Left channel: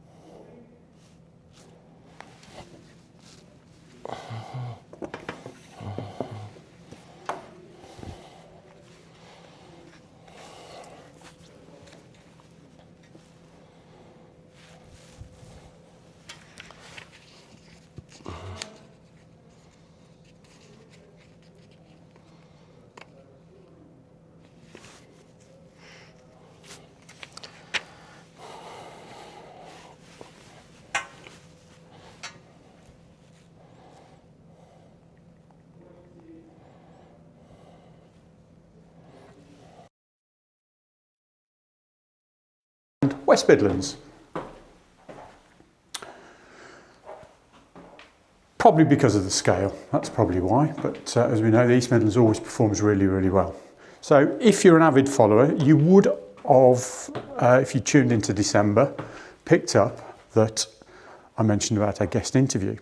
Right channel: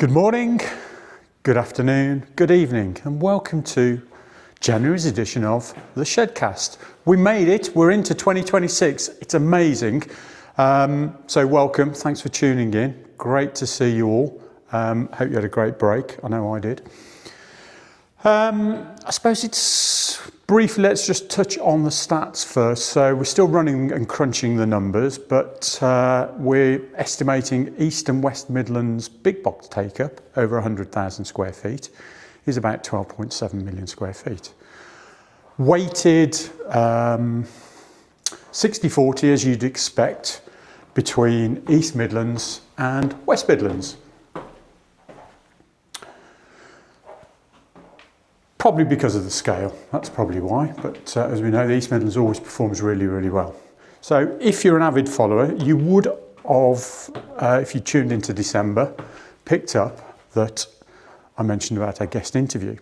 Good morning, good afternoon, good evening, and welcome to January's edition of the Shedcast. We made it, we're into 2026, it's amazing. So welcome, thanks for tuning in, great to see you all. Hope you had a great break, I know I did. I suppose it's briefly, let's just touch on the stats first. So we're still running and crunching the numbers, but we're estimating East and West Midlands big box take-up over 100,000 square feet is about 12.7 million square feet. Weighted 60-40 as you'd expect between East Midlands and West Midlands. Probably because of the scale, that's probably why, but as we know, the East Midlands always performs really, really well. So if you're an avid follower, you would have, if you tuned into December, picked up that I mentioned about our guest interview.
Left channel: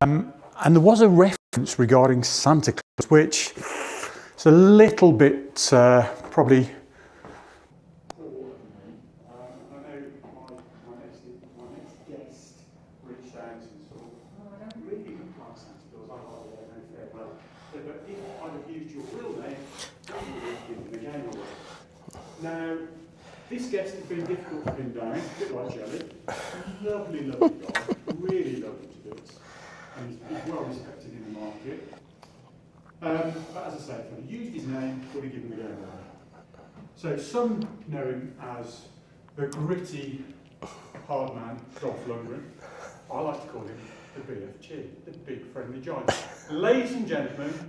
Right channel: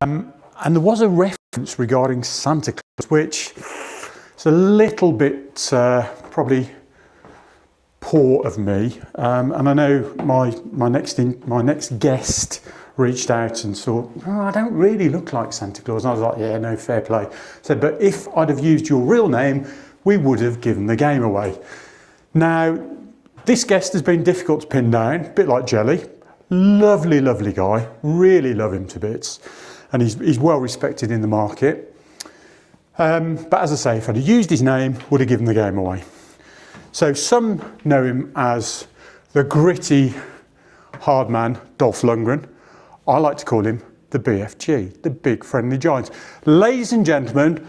And there was a reference regarding Santa Claus, which is a little bit probably poor of me. And I know my next guest reached out and thought, oh, I don't really look like Santa Claus. And I was like, yeah, no, fair play. I said, but if I'd have used your real name, we would have given the game away. Now, this guest has been difficult to pin down, a bit like Jelly. Lovely, lovely guy. Really love him to bits. And he's well respected in the market. But as I say, if I'd have used his name, would have given the game away. So some know him as the gritty, hard man, Dolph Lundgren. I like to call him the BFG, the Big Friendly Giant. Ladies and gentlemen,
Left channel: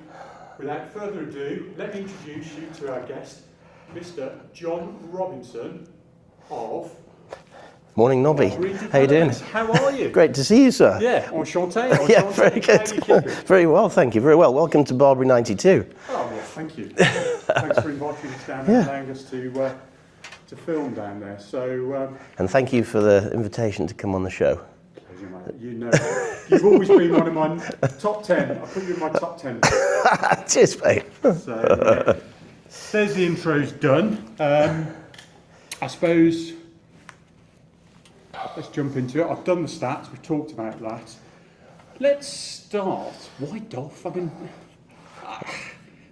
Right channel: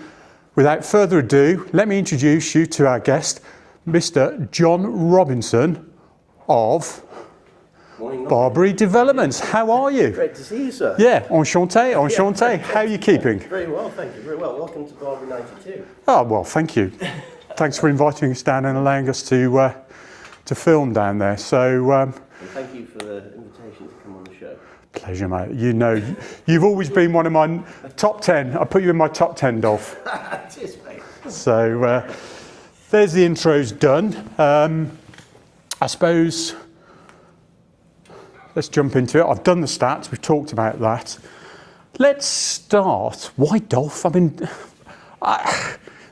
without further ado, let me introduce you to our guest, Mr. John Robinson of Morning, Nobby. Barbary Developments. How are you? Great to see you, sir. Yeah, enchanté, enchanté. How are you keeping? Very well, thank you, very well. Welcome to Barbary 92. Oh, well, thank you. Thanks for inviting us down and allowing us to film down there. So, and thank you for the invitation to come on the show. Pleasure, mate. You know, you've always been one of my top 10. I put you in my top 10, Dolph. Cheers, mate. So, there's the intros done. I suppose, let's jump into it. I've done the stats. We've talked about that. Let's start. Why Dolph? I mean,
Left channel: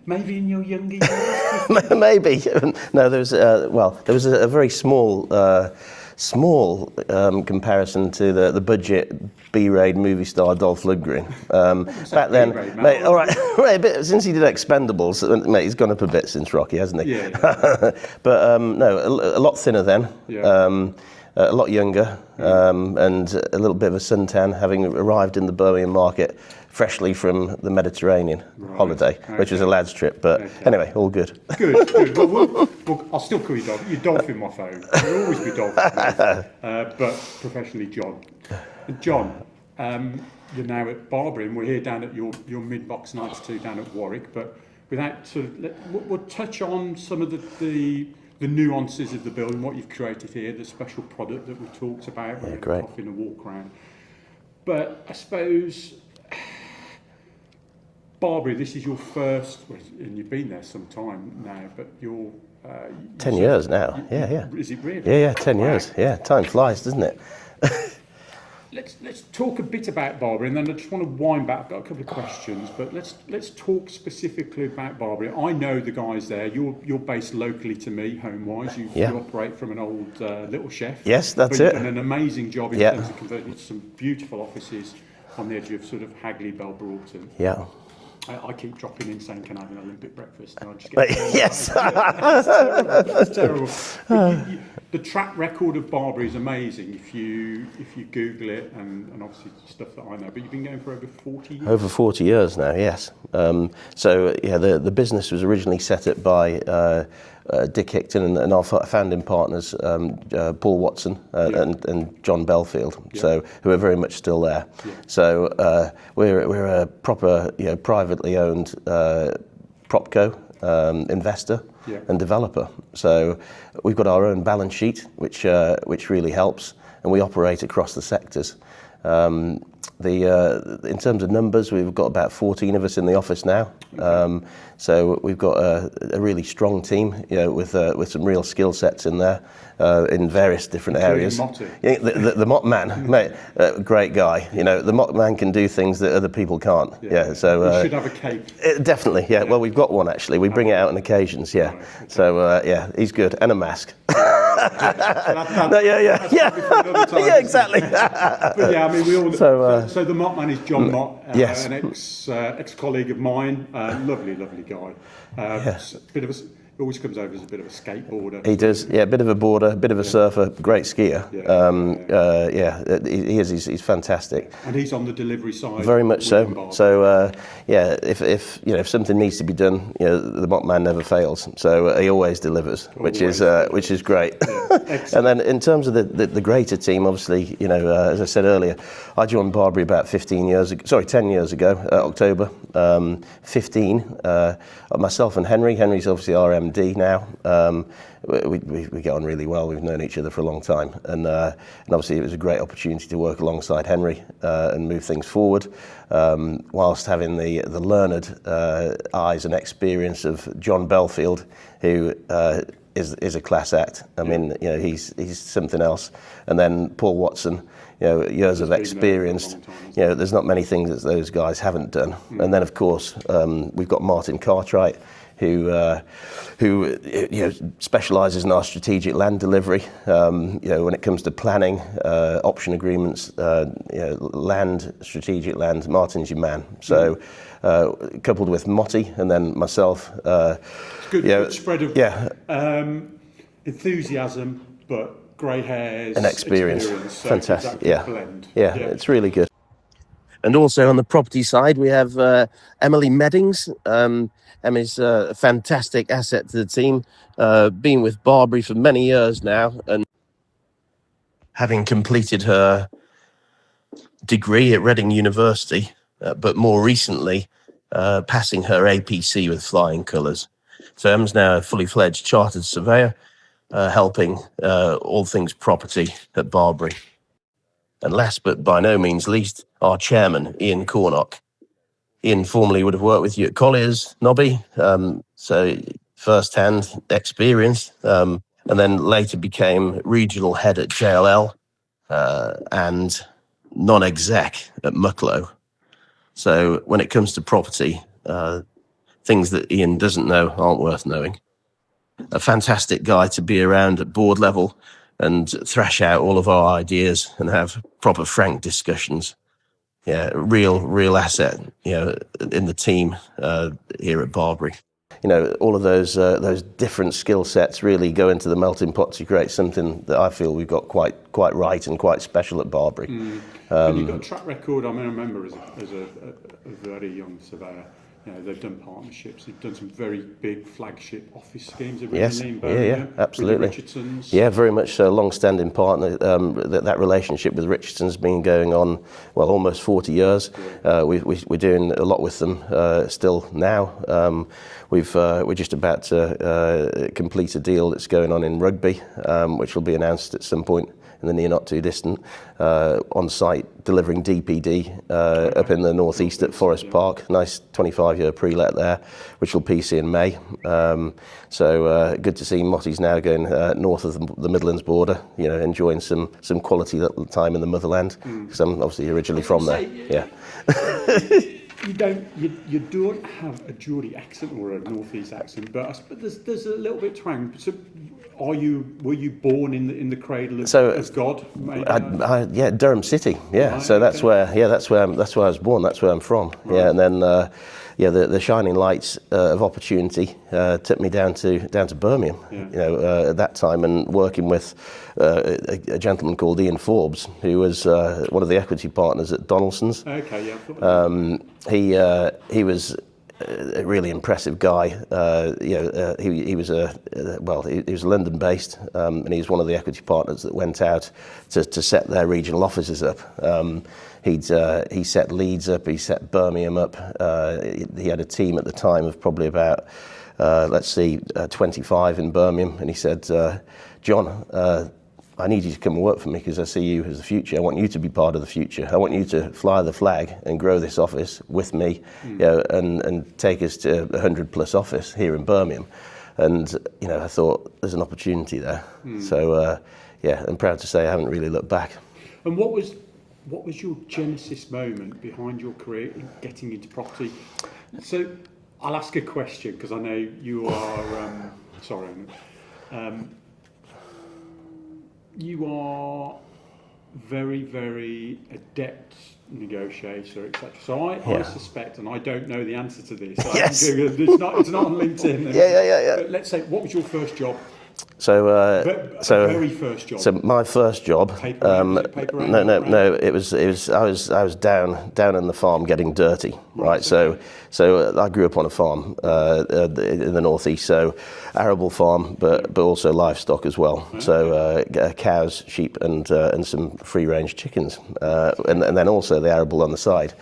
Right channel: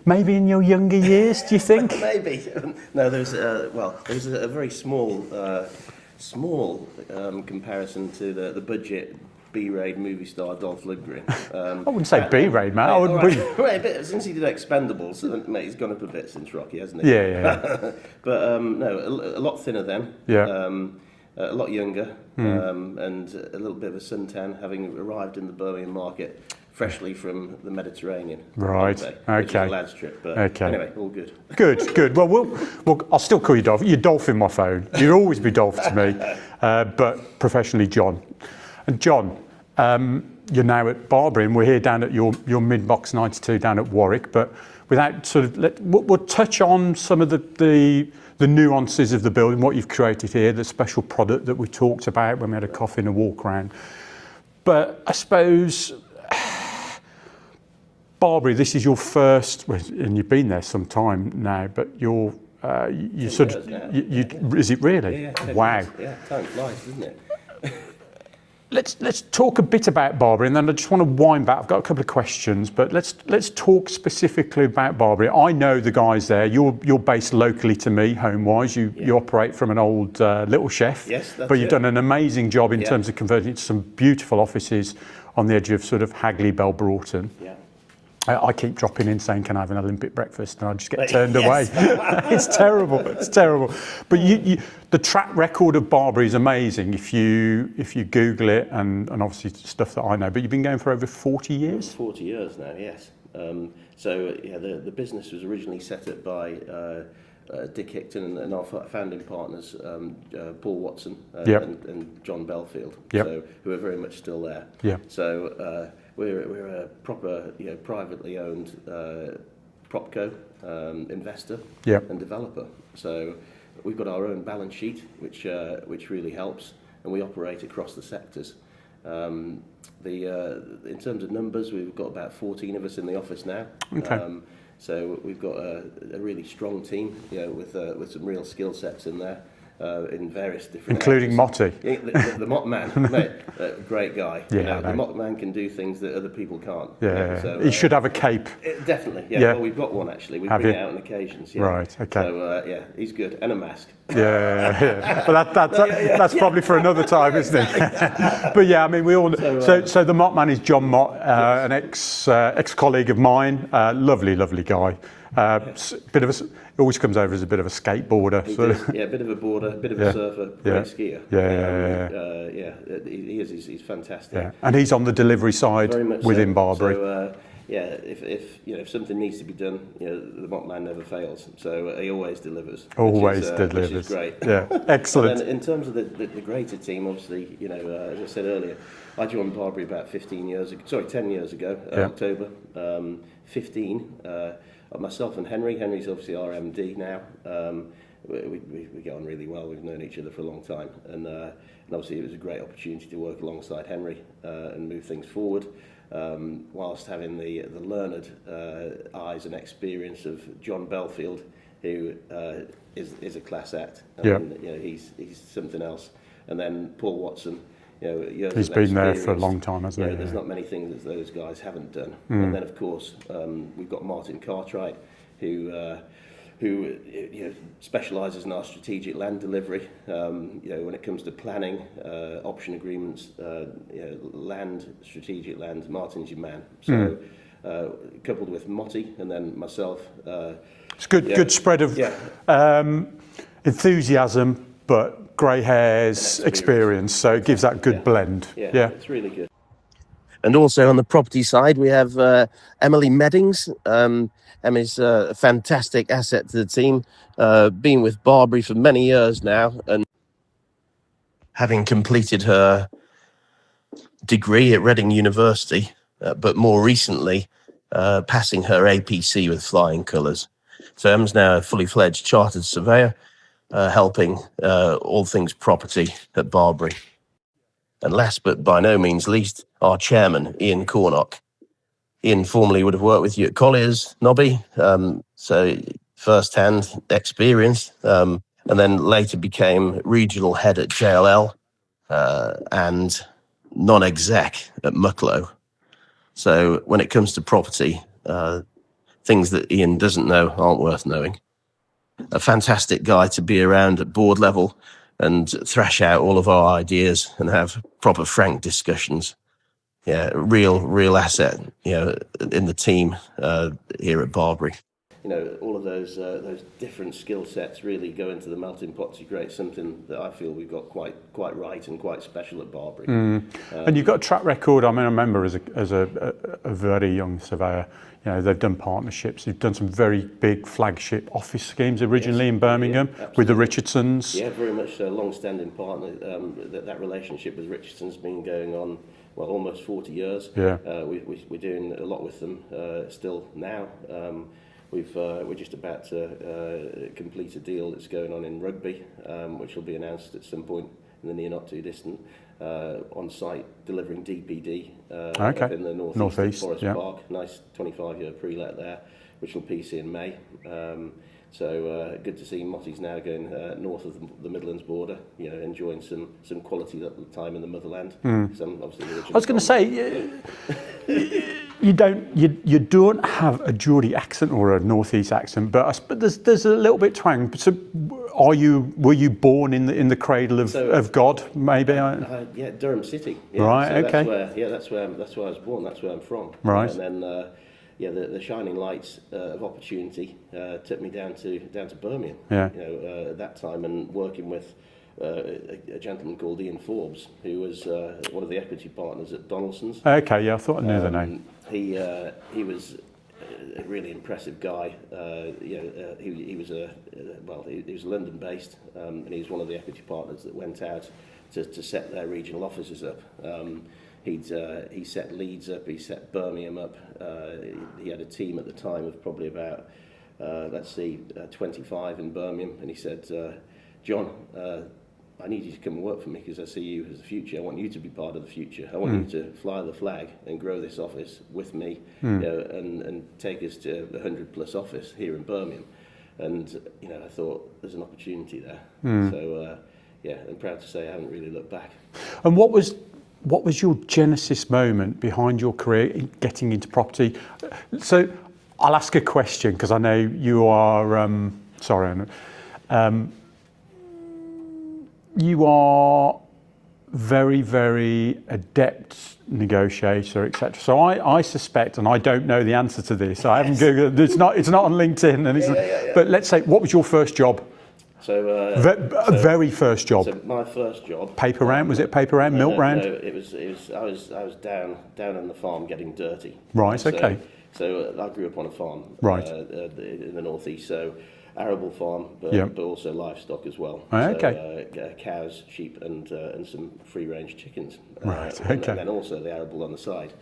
maybe in your younger years, do you think? Maybe. No, there was a very small comparison to the budget B-raid movie star Dolph Lundgren. I wouldn't say B-raid, mate. Right, but since he did Expendables, mate, he's gone up a bit since Rocky, hasn't he? Yeah. But no, a lot thinner then. Yeah. A lot younger, and a little bit of a suntan, having arrived in the Birmingham market freshly from the Mediterranean holiday, which was a lad's trip. But anyway, all good. Good. Well, I'll still call you Dolph. You're Dolph in my phone. You'll always be Dolph to me, but professionally John. And John, you're now at Barbary, and we're here down at your mid-box 92 down at Warwick. But without sort of, we'll touch on some of the nuances of the building, what you've created here, the special product that we talked about when we had a coffee and a walk around. But I suppose Barbary, this is your first, and you've been there some time now, but you're 10 years now. Is it really? Yeah, 10 years. Yeah, time flies, doesn't it? Let's talk a bit about Barbary, and then I just want to wind back. I've got a couple of questions, but let's talk specifically about Barbary. I know the guys there. You're based locally to me, home-wise. You operate from an old Little Chef. Yes, that's it. But you've done an amazing job in terms of converting it to some beautiful offices on the edge of sort of Hagley, Bell Broughton. Yeah. I keep dropping in saying, can I have an Olympic breakfast? And I just get turned away. It's terrible. But the track record of Barbary is amazing if you Google it, and obviously stuff that I know. But you've been going for over 40 years? Over 40 years now, yes. The business was originally set up by Dick Hickton and our founding partners, Paul Watson and John Belfield, who are very much still there. So we're a proper, privately owned propco investor and developer. So we've got our own balance sheet, which really helps, and we operate across the sectors. in terms of numbers, we've got about 14 of us in the office now. Okay. So we've got a really strong team, with some real skill sets in there. In various different areas. Including Motti. Yeah, the Mott man, mate, great guy. The Mott man can do things that other people can't. So he should have a cape. Definitely, Well, we've got one actually. We bring it out on occasions, Right, okay. So he's good, and a mask. But that's probably for another time, isn't it? But I mean, we all. So the Mott man is John Mott, yes. an ex-colleague of mine. Lovely guy. Bit of a. Always comes over as a bit of a skateboarder. He does, a bit of a boarder, a bit of a surfer, great skier. He is. He's fantastic. Yeah. And he's on the delivery side. Very much within so. Barbary. So if something needs to be done, the Mott man never fails. So he always delivers, which is great. Yeah. Excellent. And then in terms of the greater team, obviously, as I said earlier, I joined Barbary about 10 years ago, October 15. Myself and Henry. Henry's obviously our MD now. We get on really well. We've known each other for a long time, and obviously it was a great opportunity to work alongside Henry and move things forward, whilst having the learned eyes and experience of John Belfield, who is a class act. I mean, he's something else, and then Paul Watson. Years of experience. He's been there for a long time, hasn't he? There's not many things that those guys haven't done. And then, of course, we've got Martin Cartwright, who specialises in our strategic land delivery. When it comes to planning, option agreements, land, strategic land, Martin's your man. So, coupled with Motti and then myself. It's good spread of enthusiasm, but grey hairs, and experience. So it gives that good blend. Yeah, it's really good. And also on the property side, we have Emily Meddings. Emmy's a fantastic asset to the team, been with Barbary for many years now, and having completed her degree at Reading University, but more recently passing her APC with flying colours. So Em's now a fully fledged chartered surveyor, helping all things property at Barbary. And last but by no means least, our chairman, Ian Cornock. Ian formerly would have worked with you at Collier's, Nobby, so first-hand experience, and then later became regional head at JLL and non-exec at Mucklow. So when it comes to property, things that Ian doesn't know aren't worth knowing. A fantastic guy to be around at board level and thrash out all of our ideas and have proper frank discussions. Real asset, in the team here at Barbary. All of those different skill sets really go into the melting pot to create something that I feel we've got quite right and quite special at Barbary. And you've got a track record. I mean, I remember as a very young surveyor, they've done partnerships. They've done some very big flagship office schemes originally in Birmingham with the Richardsons. Yeah, very much a long-standing partner. That relationship with Richardson's been going on, almost 40 years. Yeah. We're doing a lot with them still now. We're just about to complete a deal that's going on in Rugby, which will be announced at some point in the near not too distant, on site delivering DPD up in the northeast at Forest Park. Nice 25-year pre-let there, which will PC in May. So good to see Motti's now going north of the Midlands border, enjoying some quality time in the motherland, because I'm obviously originally from there. You don't have a Geordie accent or a northeast accent, but there's a little bit twang. So, were you born in the cradle of God? Maybe. Durham City. Yeah. Right, so that's where I was born. That's where I'm from. Right. Yeah, and then the shining lights of opportunity took me down to Birmingham. Yeah. At that time, and working with a gentleman called Ian Forbes, who was one of the equity partners at Donaldson's. Okay, yeah, I thought I knew the name. He was a really impressive guy. He was London based, and he was one of the equity partners that went out to set their regional offices up. He set Leeds up, he set Birmingham up. He had a team at the time of probably about 25 in Birmingham, and he said, John, I need you to come and work for me because I see you as the future. I want you to be part of the future. I want you to fly the flag and grow this office with me, you know, and take us to a 100+ office here in Birmingham. And, you know, I thought there's an opportunity there. So, yeah, I'm proud to say I haven't really looked back. And what was your genesis moment behind your career in getting into property? So I'll ask a question because I know you are, sorry, you are very, very adept negotiator, etc. So I suspect, and I don't know the answer to this. I haven't Googled, it's not on LinkedIn. And but let's say, what was your first job? So, very first job. So my first job. Paper round, was it paper round? No. It was. I was down on the farm getting dirty. Right. So I grew up on a farm in the northeast. So arable farm, but also livestock as well. So cows, sheep, and some free range chickens, and then also the arable on the side.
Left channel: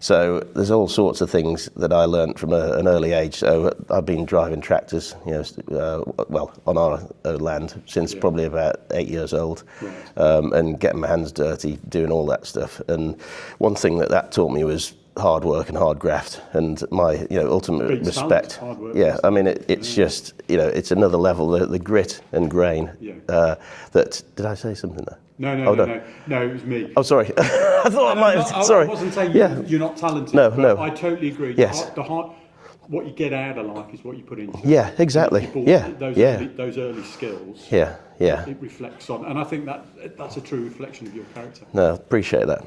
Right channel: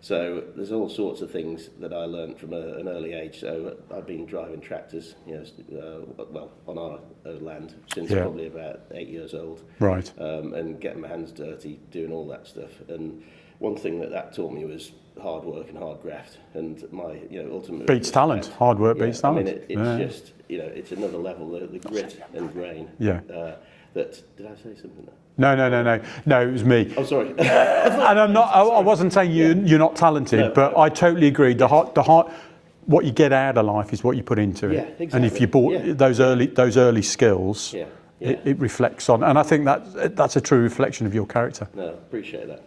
So there's all sorts of things that I learned from an early age. So I've been driving tractors, you know, well, on our land since probably about 8 years old. Right. And getting my hands dirty, doing all that stuff. And one thing that taught me was hard work and hard graft, and my, you know, ultimate beats respect. Talent. Hard work. Yeah, beats talent. I mean, it's just, you know, it's another level. The grit and grain. Yeah. That did I say something there? No, it was me. Oh, sorry. I wasn't saying you're not talented, but I totally agree. Yes. The heart, what you get out of life is what you put into it. Yeah, exactly. And if you bought those early skills, it reflects on, and I think that's a true reflection of your character. No, appreciate that.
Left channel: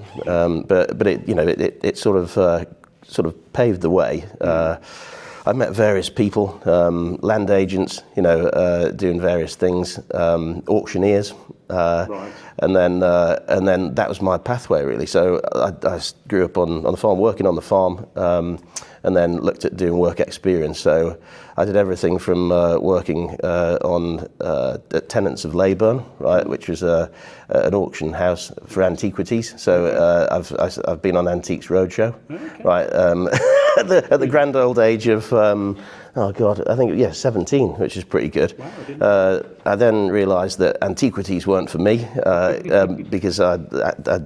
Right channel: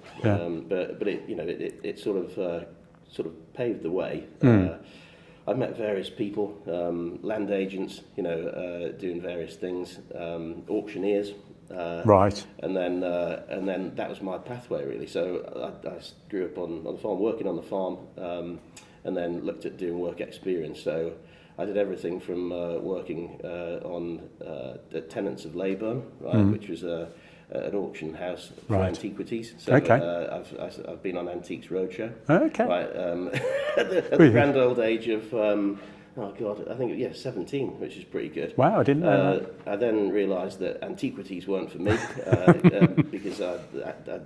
But it, you know, it sort of paved the way. I met various people, land agents, you know, doing various things, auctioneers. Right. And then that was my pathway really. So I grew up on the farm, working on the farm, and then looked at doing work experience. So I did everything from working on at Tenants of Leyburn, right, which was an auction house for antiquities. So I've been on Antiques Roadshow, right, at the grand old age of oh God, I think 17, which is pretty good. Wow, I didn't know that. I then realised that antiquities weren't for me because I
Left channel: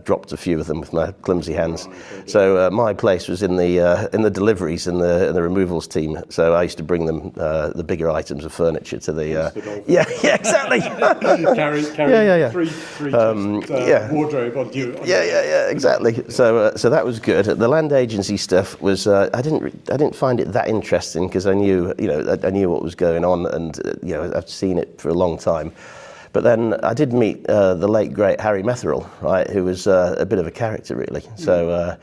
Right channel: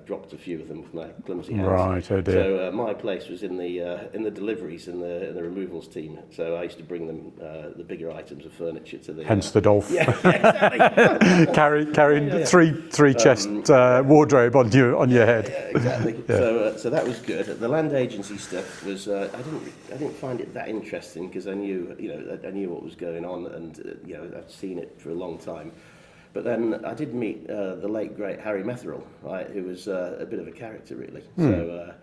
dropped a few of them with my clumsy hands. Right, oh dear. So my place was in the deliveries and the removals team. So I used to bring them the bigger items of furniture to the. Hence the dolphin. Yeah, exactly. carry three chest wardrobe on your head. Yeah, exactly. So that was good. The land agency stuff was I didn't find it that interesting because I knew what was going on, and you know, I've seen it for a long time. But then I did meet the late great Harry Metherell, right, who was a bit of a character really. So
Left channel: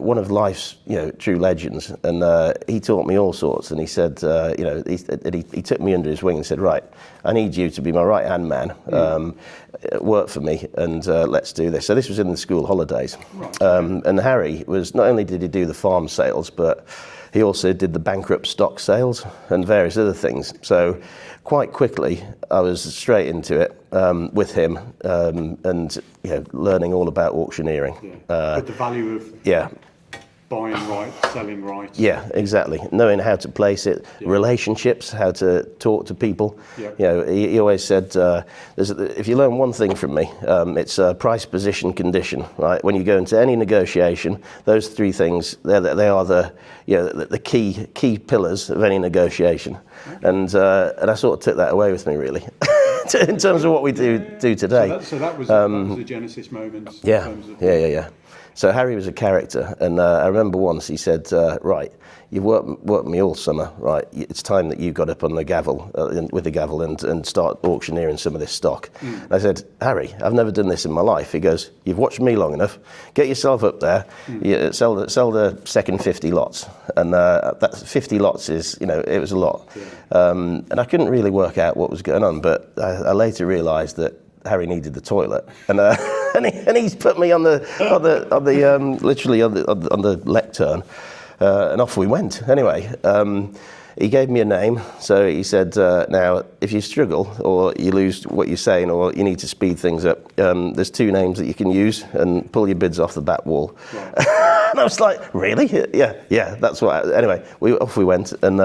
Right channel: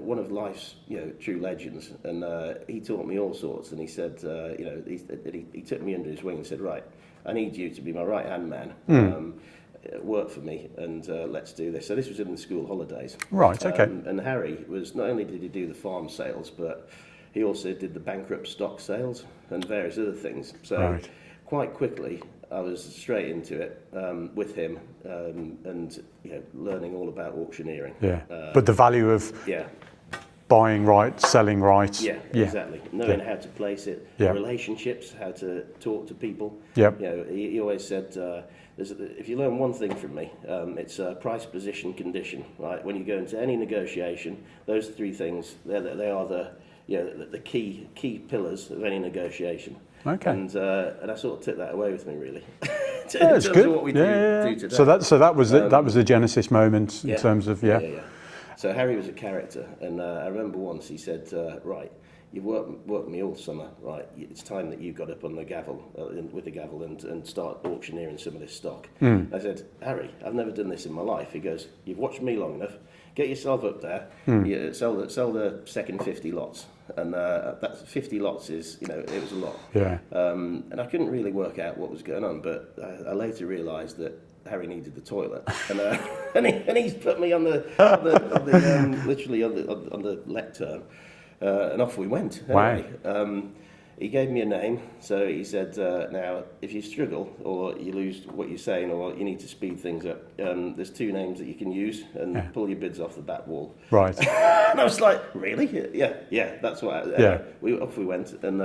one of life's, you know, true legends, and he taught me all sorts. And he said, you know, he took me under his wing and said, right, I need you to be my right hand man, work for me, and let's do this. So this was in the school holidays. Right. Okay. And Harry was, not only did he do the farm sales, but he also did the bankrupt stock sales and various other things. So quite quickly, I was straight into it with him, and you know, learning all about auctioneering. Yeah. But the value of buying right, selling right. Yeah, exactly. Knowing how to place it, relationships, how to talk to people. Yep. You know, he always said, if you learn one thing from me, it's price, position, condition. Right. When you go into any negotiation, those three things, they are the key pillars of any negotiation. Okay. And I sort of took that away with me really, in terms of what we do today. So that was the genesis moment in terms of So Harry was a character, and I remember once he said, right, you've worked me all summer, right, it's time that you got up on the gavel, with the gavel and start auctioneering some of this stock. I said, Harry, I've never done this in my life. He goes, you've watched me long enough, get yourself up there, you sell the second 50 lots. And that 50 lots is, you know, it was a lot. Yeah. And I couldn't really work out what was going on, but I later realised that Harry needed the toilet, and he's put me on the literally on the lectern, and off we went. Anyway, he gave me a name. So he said, now if you struggle or you lose what you're saying or you need to speed things up, there's two names that you can use and pull your bids off the back wall. Right. And I was like, really? Yeah. That's what. Anyway, off we went, and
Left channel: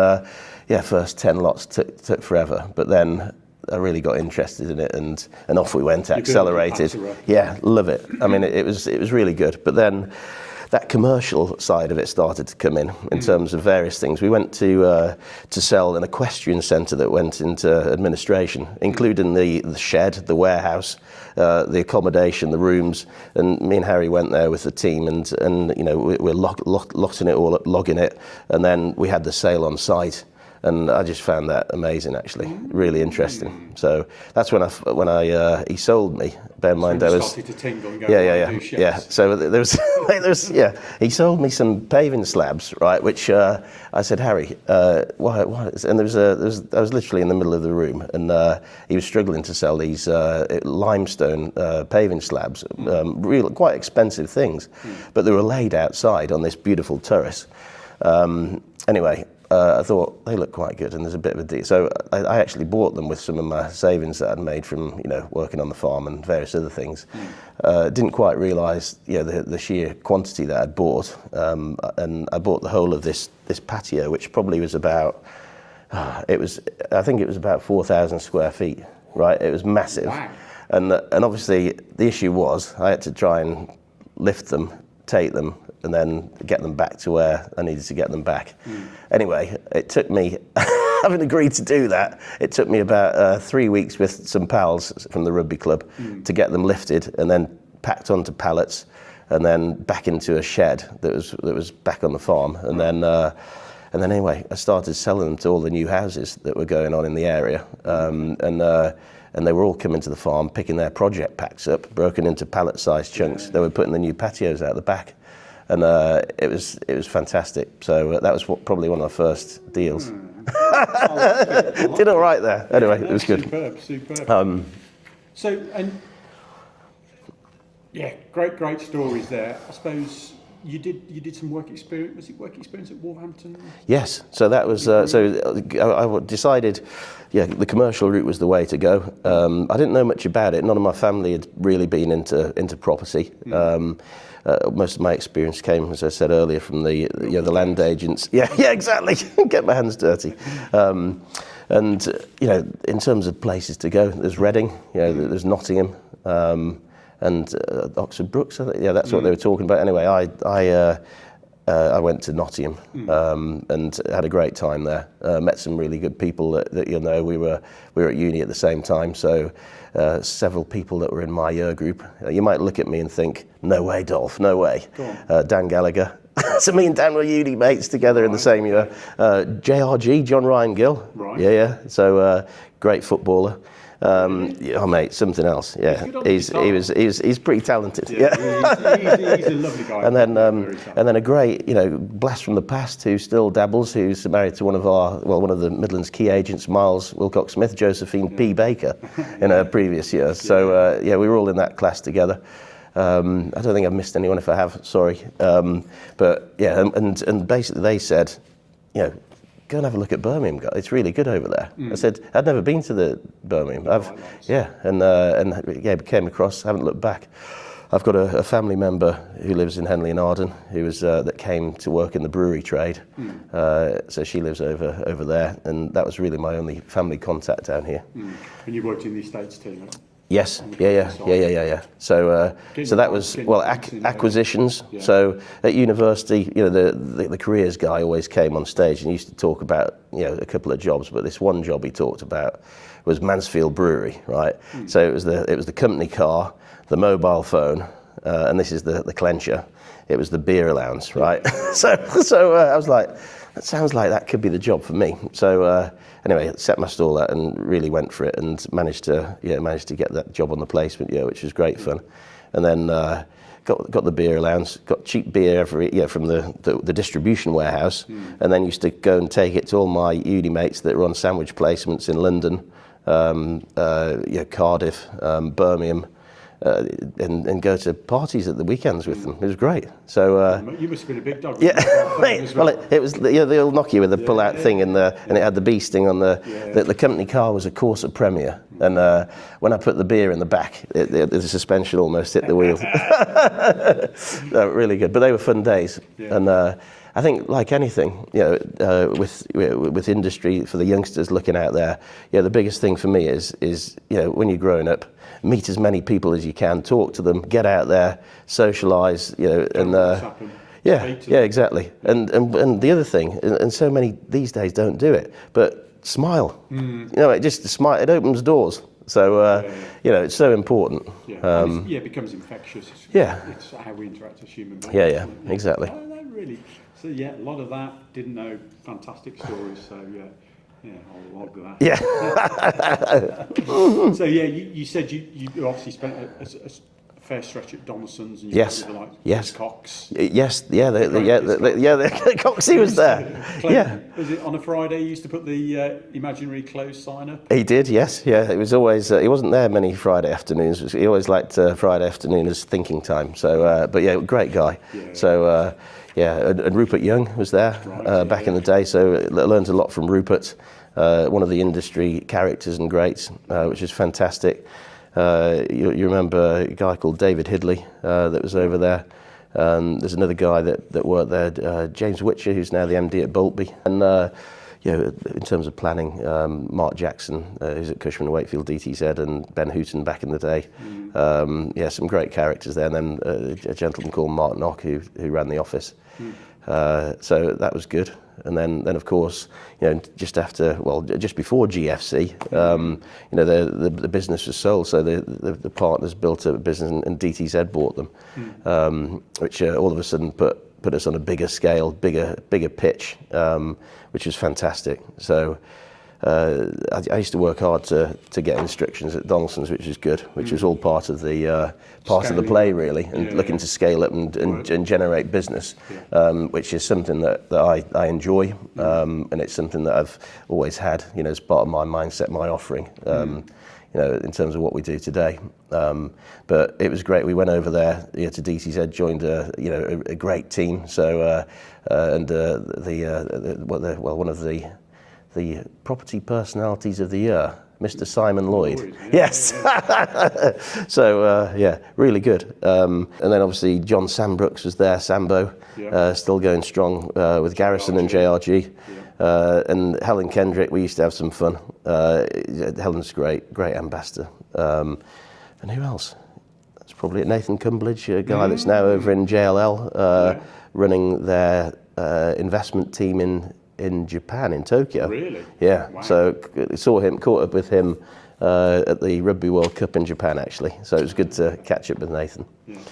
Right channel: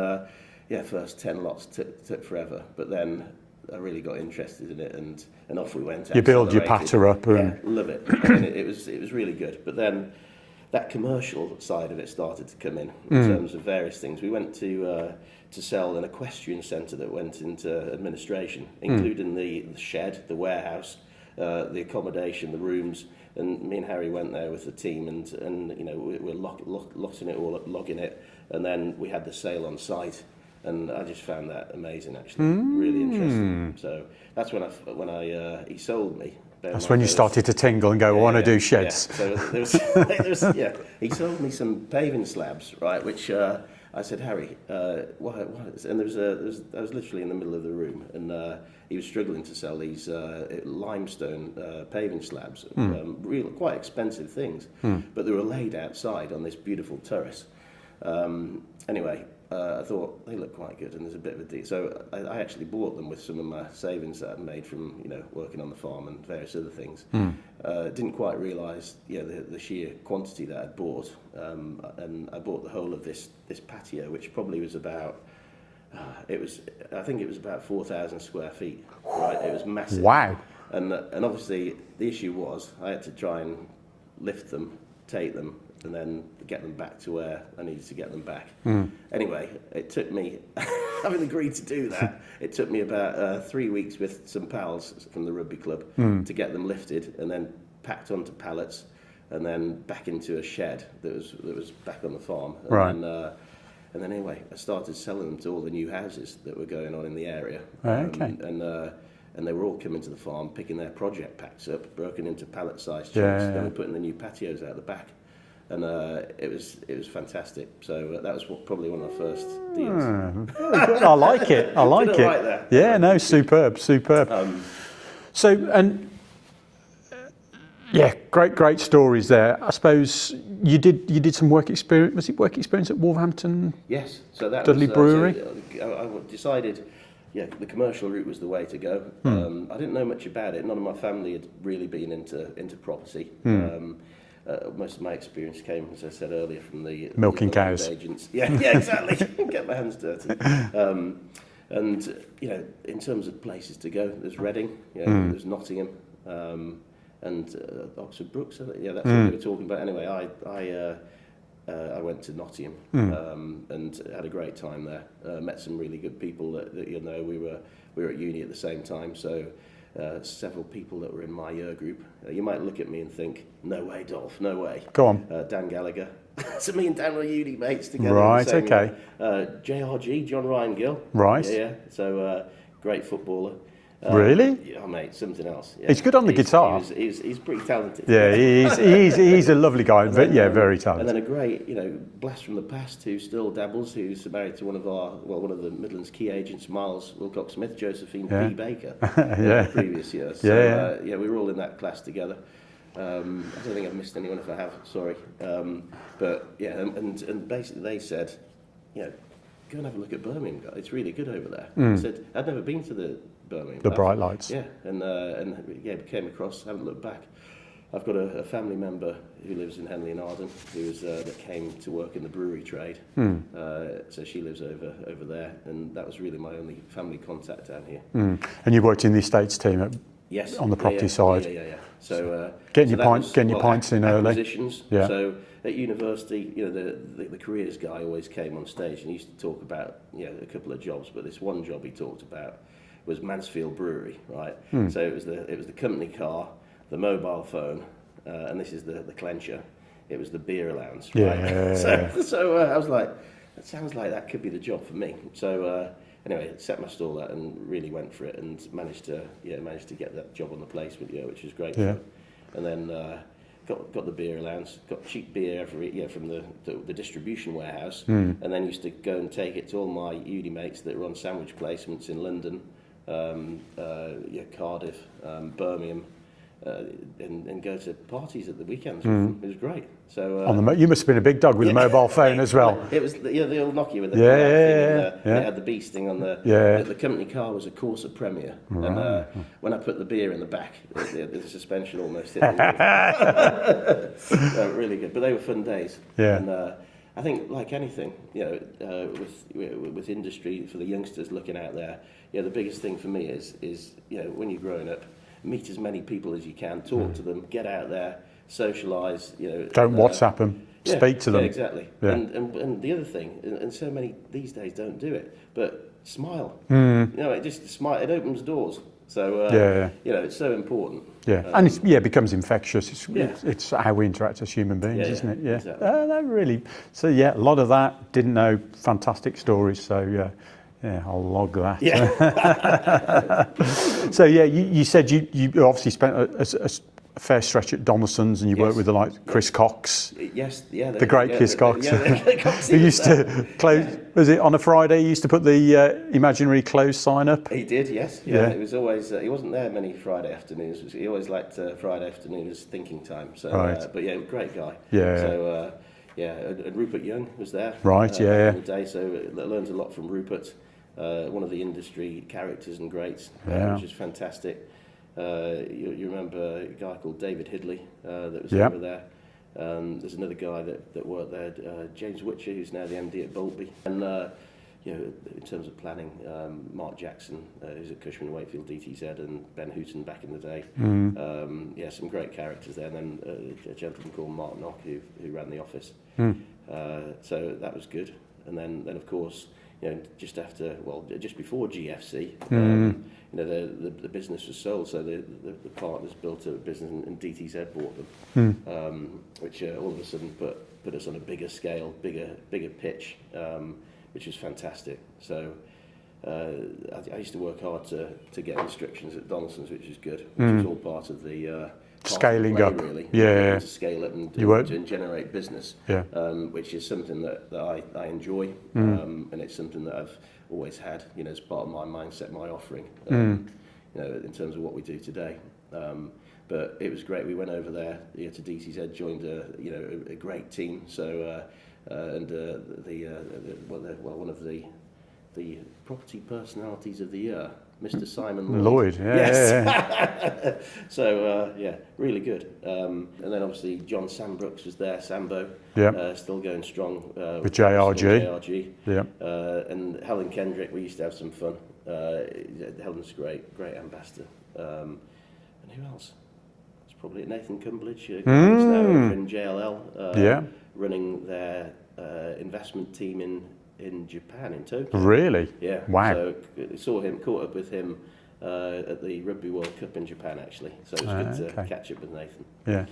first 10 lots took forever, but then I really got interested in it, and off we went. You build your Accelerated. patter up. Yeah, love it. I mean, it was really good. But then that commercial side of it started to come in terms of various things. We went to sell an equestrian centre that went into administration, including the shed, the warehouse, the accommodation, the rooms, and me and Harry went there with the team, and you know, we're locking it all up, logging it, and then we had the sale on site. And I just found that amazing, actually, really interesting. So that's when he sold me. That's when you started to tingle and go, I want to do sheds. Yeah. So there was he sold me some paving slabs, right? Which I said, Harry, why? And I was literally in the middle of the room, and he was struggling to sell these limestone paving slabs, real quite expensive things, but they were laid outside on this beautiful terrace. Anyway. I thought they look quite good, and there's a bit of a deal. So I actually bought them with some of my savings that I'd made from, you know, working on the farm and various other things. Didn't quite realise, you know, the sheer quantity that I'd bought, and I bought the whole of this patio, which probably was about, I think it was about 4,000 square feet. Right, it was massive. Wow. And obviously the issue was I had to try and lift them, take them, and then get them back to where I needed to get them back. Anyway, it took me, having agreed to do that, it took me about 3 weeks with some pals from the rugby club to get them lifted and then packed onto pallets and then back into a shed that was back on the farm. And then anyway, I started selling them to all the new houses that were going on in the area. And they were all coming to the farm, picking their project packs up, broken into pallet-sized chunks. They were putting the new patios out the back. And it was fantastic. So that was probably one of our first deals. I like it. I like Did it. all right there. Yeah, Anyway, no, superb. Great stories there. I suppose you did some work experience. Was it work experience at Wolverhampton? Yes. So that Dudley was. Brewery? I decided. Yeah, the commercial route was the way to go. I didn't know much about it. None of my family had really been into property. Most of my experience came, as I said earlier, from the land agents. Yeah, exactly. Get my hands dirty. And you know, in terms of places to go, there's Reading, there's Nottingham, and Oxford Brookes. Yeah, that's what they were talking about. Anyway, I went to Nottingham and had a great time there. Met some really good people that you know. We were at uni at the same time, so. Several people that were in my year group. You might look at me and think, no way, Dolph, no way. Go on. Dan Gallagher. So me and Dan were uni mates together in the same year. JRG, John Ryan Gill. Right. Yeah. So great footballer. Really? Oh, mate, something else. Yeah. He's good on the guitar. He's pretty talented. Yeah, he's a lovely guy. And then, very talented. And then a great, blast from the past who still dabbles, who's married to one of the Midlands key agents, Miles Wilcox-Smith, Josephine P. Baker, in her previous years. So, we were all in that class together. I don't think I've missed anyone. If I have, sorry. But yeah, and basically they said, go and have a look at Birmingham. It's really good over there. I said, I'd never been to the Birmingham. The bright lights. Yeah, and came across, haven't looked back. I've got a family member who lives in Henley and Arden, who was that came to work in the brewery trade. So she lives over there, and that was really my only family contact down here. And you worked in the estates team at Yes, on the property side. Yeah. So that was acquisitions. Yeah. So at university, the careers guy always came on stage and used to talk about a couple of jobs, but this one job he talked about was Mansfield Brewery, right? So it was the company car, the mobile phone, and this is the clencher. It was the beer allowance, right? Yeah. So I was like, that sounds like that could be the job for me. So. Anyway, set my stall out and really went for it, and managed to get that job on the placement, which was great fun. And then got the beer allowance, got cheap beer from the distribution warehouse, and then used to go and take it to all my uni mates that were on sandwich placements in London, Cardiff, Birmingham. And go to parties at the weekends with them. It was great. So you must have been a big dog with a mobile phone as well. It was they'll knock you with the pull-out thing, and it had the bee sting on the company car was a Corsa Premier, and when I put the beer in the back, the suspension almost hit the wheel. No, really good, but they were fun days. Yeah. I think, like anything, with industry, for the youngsters looking out there, the biggest thing for me is when you're growing up, meet as many people as you can, talk to them, get out there, socialise. Don't WhatsApp them. Speak to them. Yeah, exactly. Yeah. And the other thing, and so many these days don't do it, but smile. It just smile. It opens doors. So it's so important. Yeah, and it becomes infectious. It's how we interact as human beings, isn't it? Yeah, exactly. No, really. So a lot of that didn't know. Fantastic stories. So I'll log that. Yeah. So you said you obviously spent a fair stretch at Donaldson's, and you worked with the like Chris Cox. Yes, the great Chris Cox. The Coxie was there. Was it on a Friday? He used to put the imaginary close sign up. He did, yes. Yeah. It was always. He wasn't there many Friday afternoons. He always liked Friday afternoon as thinking time. So, right. Great guy. Yeah. So, and Rupert Young was there. Right. Back in the day. So I learned a lot from Rupert, one of the industry characters and greats, which is fantastic. You remember a guy called David Hidley that was over there. There's another guy that worked there, James Witcher, who's now the MD at Boltby. And in terms of planning, Mark Jackson, who's at Cushman & Wakefield DTZ, and Ben Hooton back in the day. Some great characters there. And then a gentleman called Mark Knock who ran the office. So that was good. And then of course, just before GFC, the business was sold. So the partners built a business, and DTZ bought them, which all of a sudden put us on a bigger scale, bigger pitch, which was fantastic. So I used to work hard to get instructions at Donaldson's, which is good, which was all part of the play, really. Looking to scale up and generate business, which is something that I enjoy, and it's something that I've always had, as part of my mindset, my offering, in terms of what we do today. But it was great. We went over there to DTZ, joined a great team. So one of the property personalities of the year, Mr. Simon Lloyd. Yes. So really good. And then obviously John Sambrooks was there, Sambo, still going strong with Garrison and JRG. And Helen Kendrick, we used to have some fun. Helen's great ambassador. And who else? That's probably it. Nathan Cumberledge, a guy that's now over in JLL, running their investment team in Japan, in Tokyo. Really? Yeah. Wow. So caught up with him at the Rugby World Cup in Japan, actually. So it was good to catch up with Nathan. Yeah.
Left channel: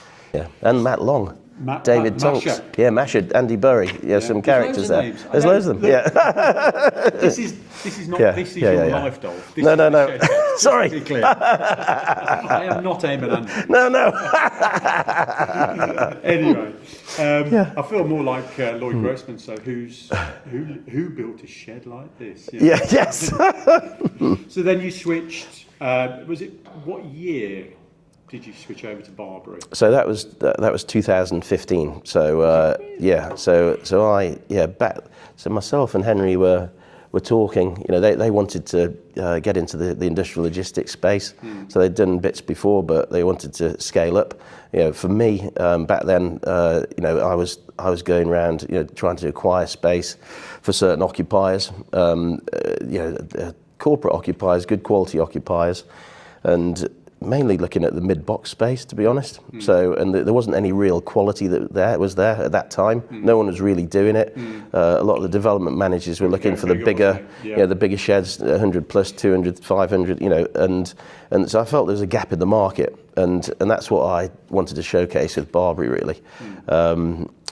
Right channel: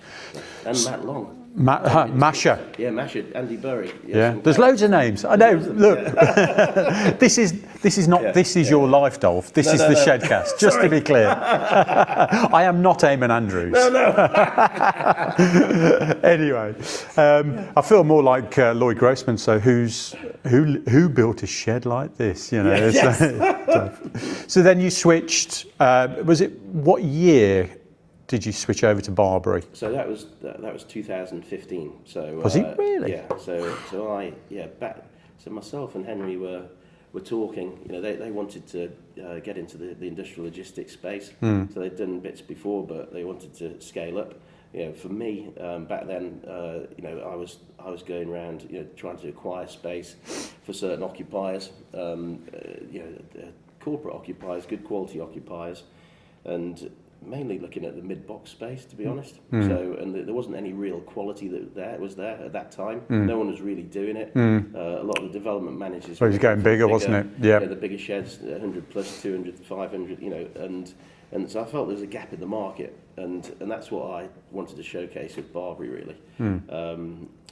And Matt Long. David Masha. Yeah, Masha, Andy Bury. Some There's loads of names. There's loads of them. This is your life, Dolph. This is the Shedcast, just to be clear. I am not Eamon Andrews. No. Anyway, I feel more like Lloyd Grossman. So who built a shed like this? Yes. So then you switched. What year did you switch over to Barbary? So that was 2015. So was it really? Yeah. So myself and Henry were talking. They wanted to get into the industrial logistics space. So they'd done bits before, but they wanted to scale up. For me, back then, I was going around, trying to acquire space for certain occupiers, corporate occupiers, good quality occupiers, and mainly looking at the mid-box space, to be honest. So, and there wasn't any real quality that was there at that time. No one was really doing it. A lot of the development managers were looking for the bigger sheds, 100 plus, 200, 500, and so I felt there was a gap in the market, and that's what I wanted to showcase with Barbary, really.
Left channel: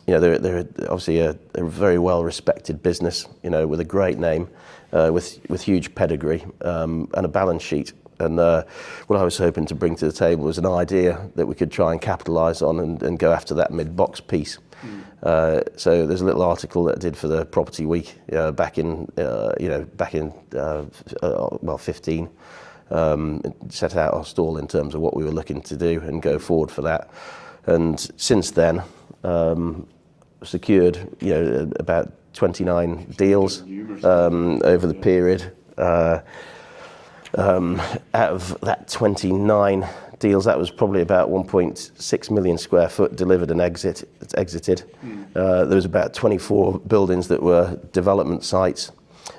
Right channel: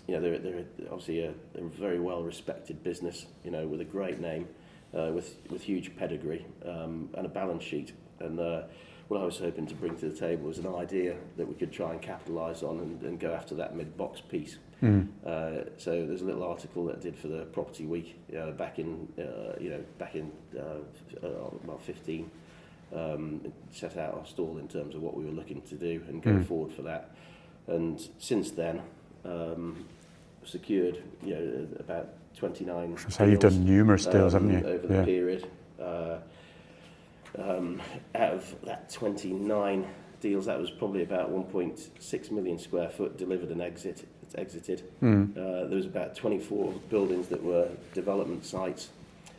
They're obviously a very well-respected business, with a great name, with huge pedigree, and a balance sheet. And what I was hoping to bring to the table was an idea that we could try and capitalise on and go after that mid-box piece. So there's a little article that I did for the Property Week back in 15. Set out our stall in terms of what we were looking to do and go forward for that. And since then, secured about 29 deals, numerous deals over the period. Out of that 29 deals, that was probably about 1.6 million square foot delivered and exited. There was about 24 buildings that were development sites,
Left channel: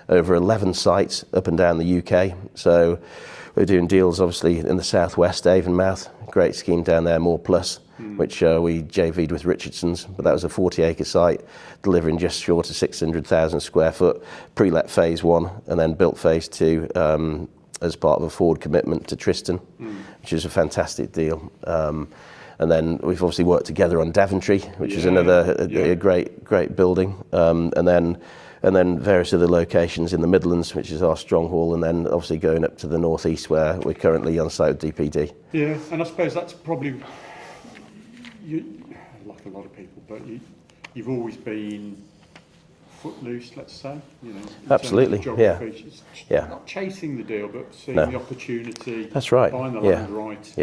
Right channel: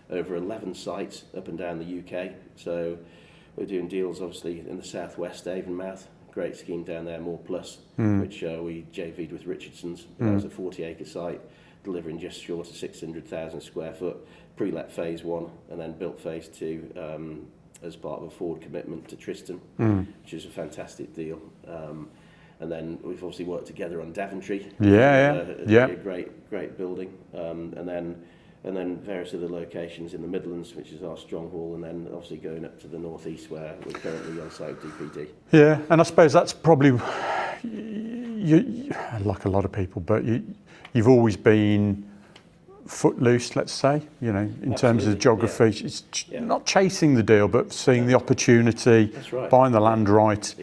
over 11 sites up and down the UK. So we're doing deals obviously in the southwest, Avonmouth, great scheme down there, More Plus, which we JV'd with Richardson's, but that was a 40-acre site, delivering just short of 600,000 square foot, pre-let phase 1, and then built phase 2 as part of a forward commitment to Tristan, which is a fantastic deal. And then we've obviously worked together on Daventry, which is another a great building, and then various other locations in the Midlands, which is our stronghold, and then obviously going up to the northeast where we're currently on site with DPD. Yeah, and I suppose that's probably, you, like a lot of people, but you've always been footloose, let's say, you know, in terms of geography. It's not chasing the deal, but seeing the opportunity, that's right, buying the land right,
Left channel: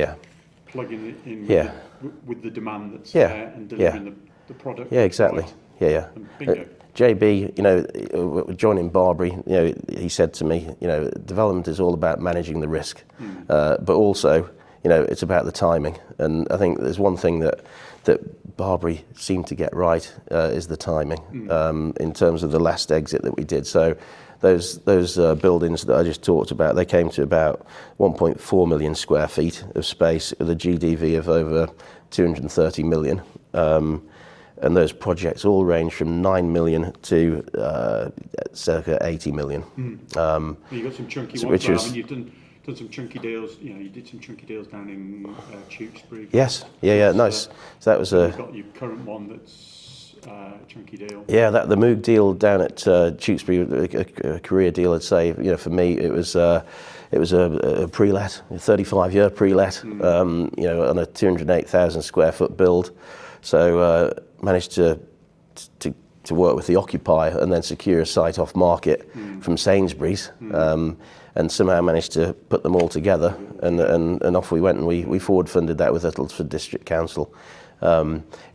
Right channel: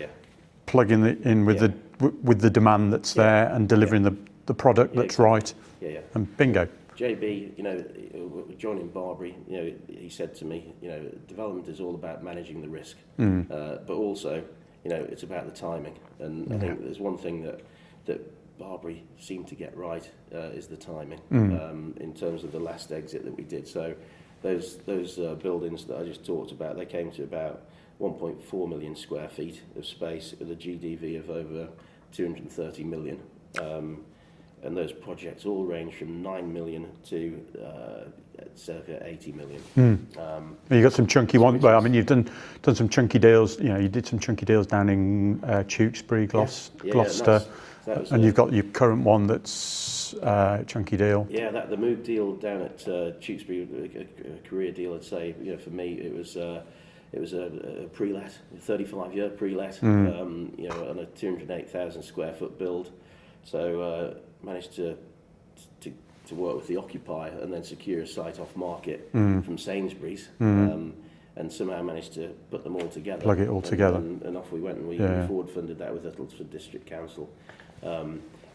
plugging it in with the demand that's there, and delivering the product that's right. And bingo. JB, you know, joining Barbary, you know, he said to me, you know, development is all about managing the risk, but also, you know, it's about the timing. And I think there's one thing that Barbary seemed to get right is the timing in terms of the last exit that we did. So those buildings that I just talked about, they came to about 1.4 million square feet of space with a GDV of over 230 million. And those projects all range from 9 million to circa 80 million. You got some chunky ones there. I mean, you've done some chunky deals. You know, you did some chunky deals down in Tewkesbury, Gloucester. Nice. So that was. And you've got your current one that's a chunky deal. Yeah, the Moog deal down at Tewkesbury, a career deal, I'd say. You know, for me, it was a pre-let, a 35-year pre-let. You know, on a 208,000 square foot build. So managed to work with the occupier and then secure a site off market from Sainsbury's, and somehow managed to put them all together, and off we went, and we forward funded that with Uttlesford District Council.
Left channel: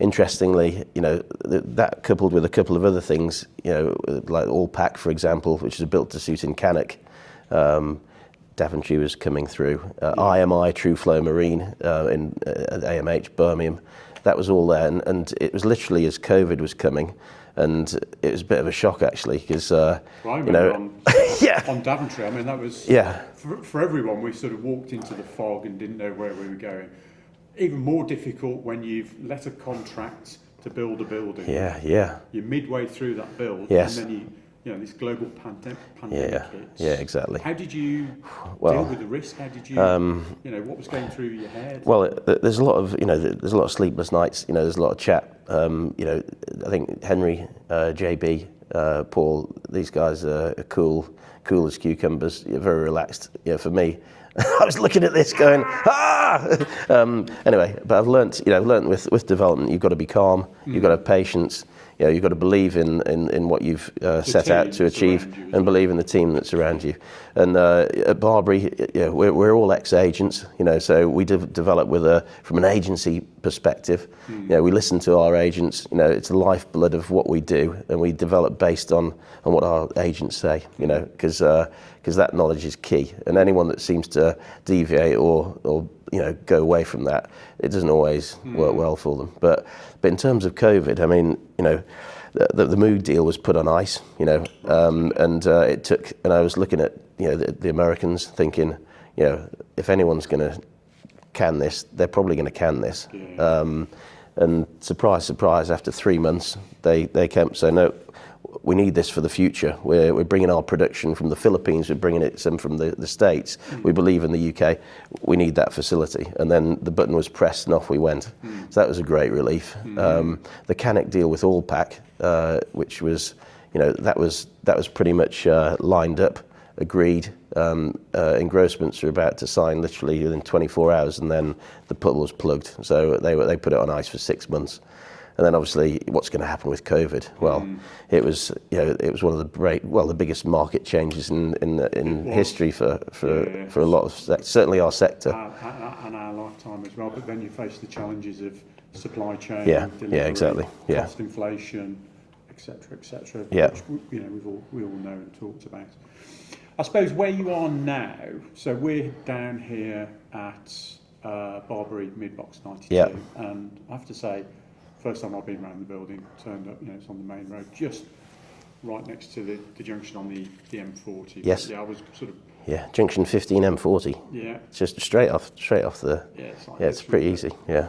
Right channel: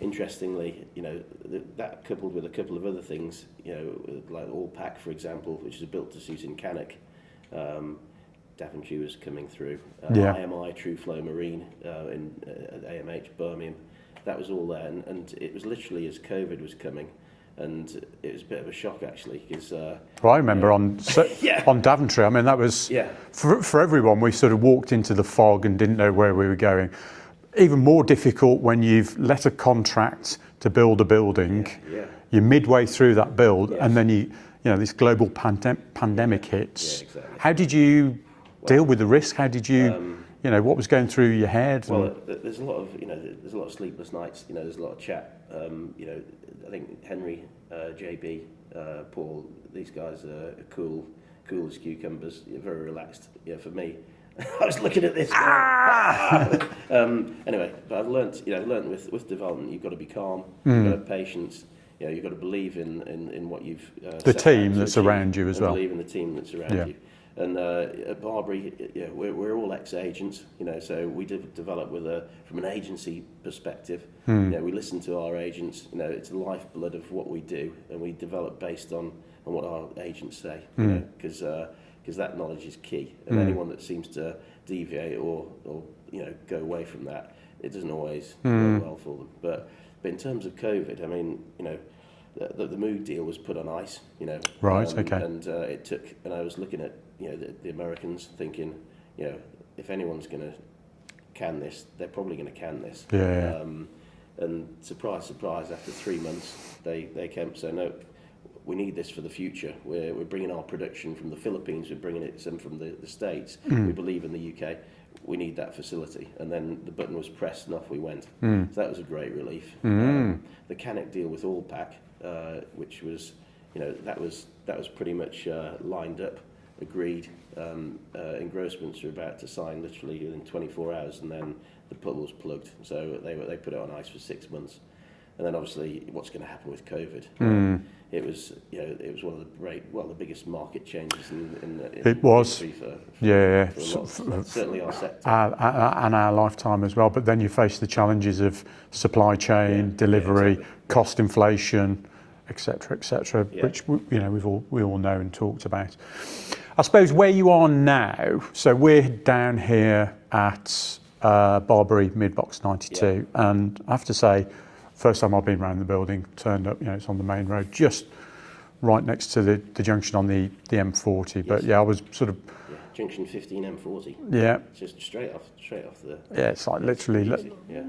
Interestingly, you know, that coupled with a couple of other things, you know, like Allpack, for example, which is built to suit in Cannock. Daventry was coming through. IMI, True Flow Marine in AMH Birmingham. That was all there, and it was literally as COVID was coming, and it was a bit of a shock actually, because I remember on Daventry. I mean, that was for everyone. We sort of walked into the fog and didn't know where we were going. Even more difficult when you've let a contract to build a building. You're midway through that build, and then you know this global pandemic hits. Yeah, exactly. How did you deal with the risk? How did you, you know, what was going through your head? Well, there's a lot of, you know, there's a lot of sleepless nights. You know, there's a lot of chat. You know, I think Henry, JB, Paul, these guys are cool as cucumbers. You're very relaxed. You know, for me, I was looking at this going, anyway, but I've learnt with development, you've got to be calm. You've got to have patience. You know, you've got to believe in what you've set out to achieve, and believe in the team that's around you. And at Barbary, you know, we're all ex-agents, you know, so we develop from an agency perspective. You know, we listen to our agents. You know, it's the lifeblood of what we do, and we develop based on what our agents say. You know, because that knowledge is key. And anyone that seems to deviate or you know, go away from that, it doesn't always work well for them. But in terms of COVID, I mean, you know, the Moog deal was put on ice, you know, and it took. And I was looking at, you know, the Americans, thinking, you know, if anyone's going to can this, they're probably going to can this. And surprise, surprise, after 3 months, they came saying, no, we need this for the future. We're bringing our production from the Philippines, we're bringing it some from the States. We believe in the UK, we need that facility. And then the button was pressed and off we went. So that was a great relief. The Cannock deal with Allpack, which was, you know, that was pretty much lined up, agreed. Engrossments were about to sign literally within 24 hours, and then the put was plugged. So they put it on ice for 6 months. And then obviously, what's going to happen with COVID? Well, it was, you know, it was one of the biggest market changes in history for a lot of, certainly our sector and our lifetime as well. But then you face the challenges of supply chain, delivery, cost inflation, etc., which you know we all know and talked about. I suppose where you are now. So we're down here at Barbary mid-box 92, and I have to say, first time I've been around the building, turned up, it's on the main road, just right next to the junction on the M40. Yes. But yeah, I was sort of... Yeah, junction 15 M40. Yeah. It's just straight off the... Yeah, it's like it's pretty easy, yeah.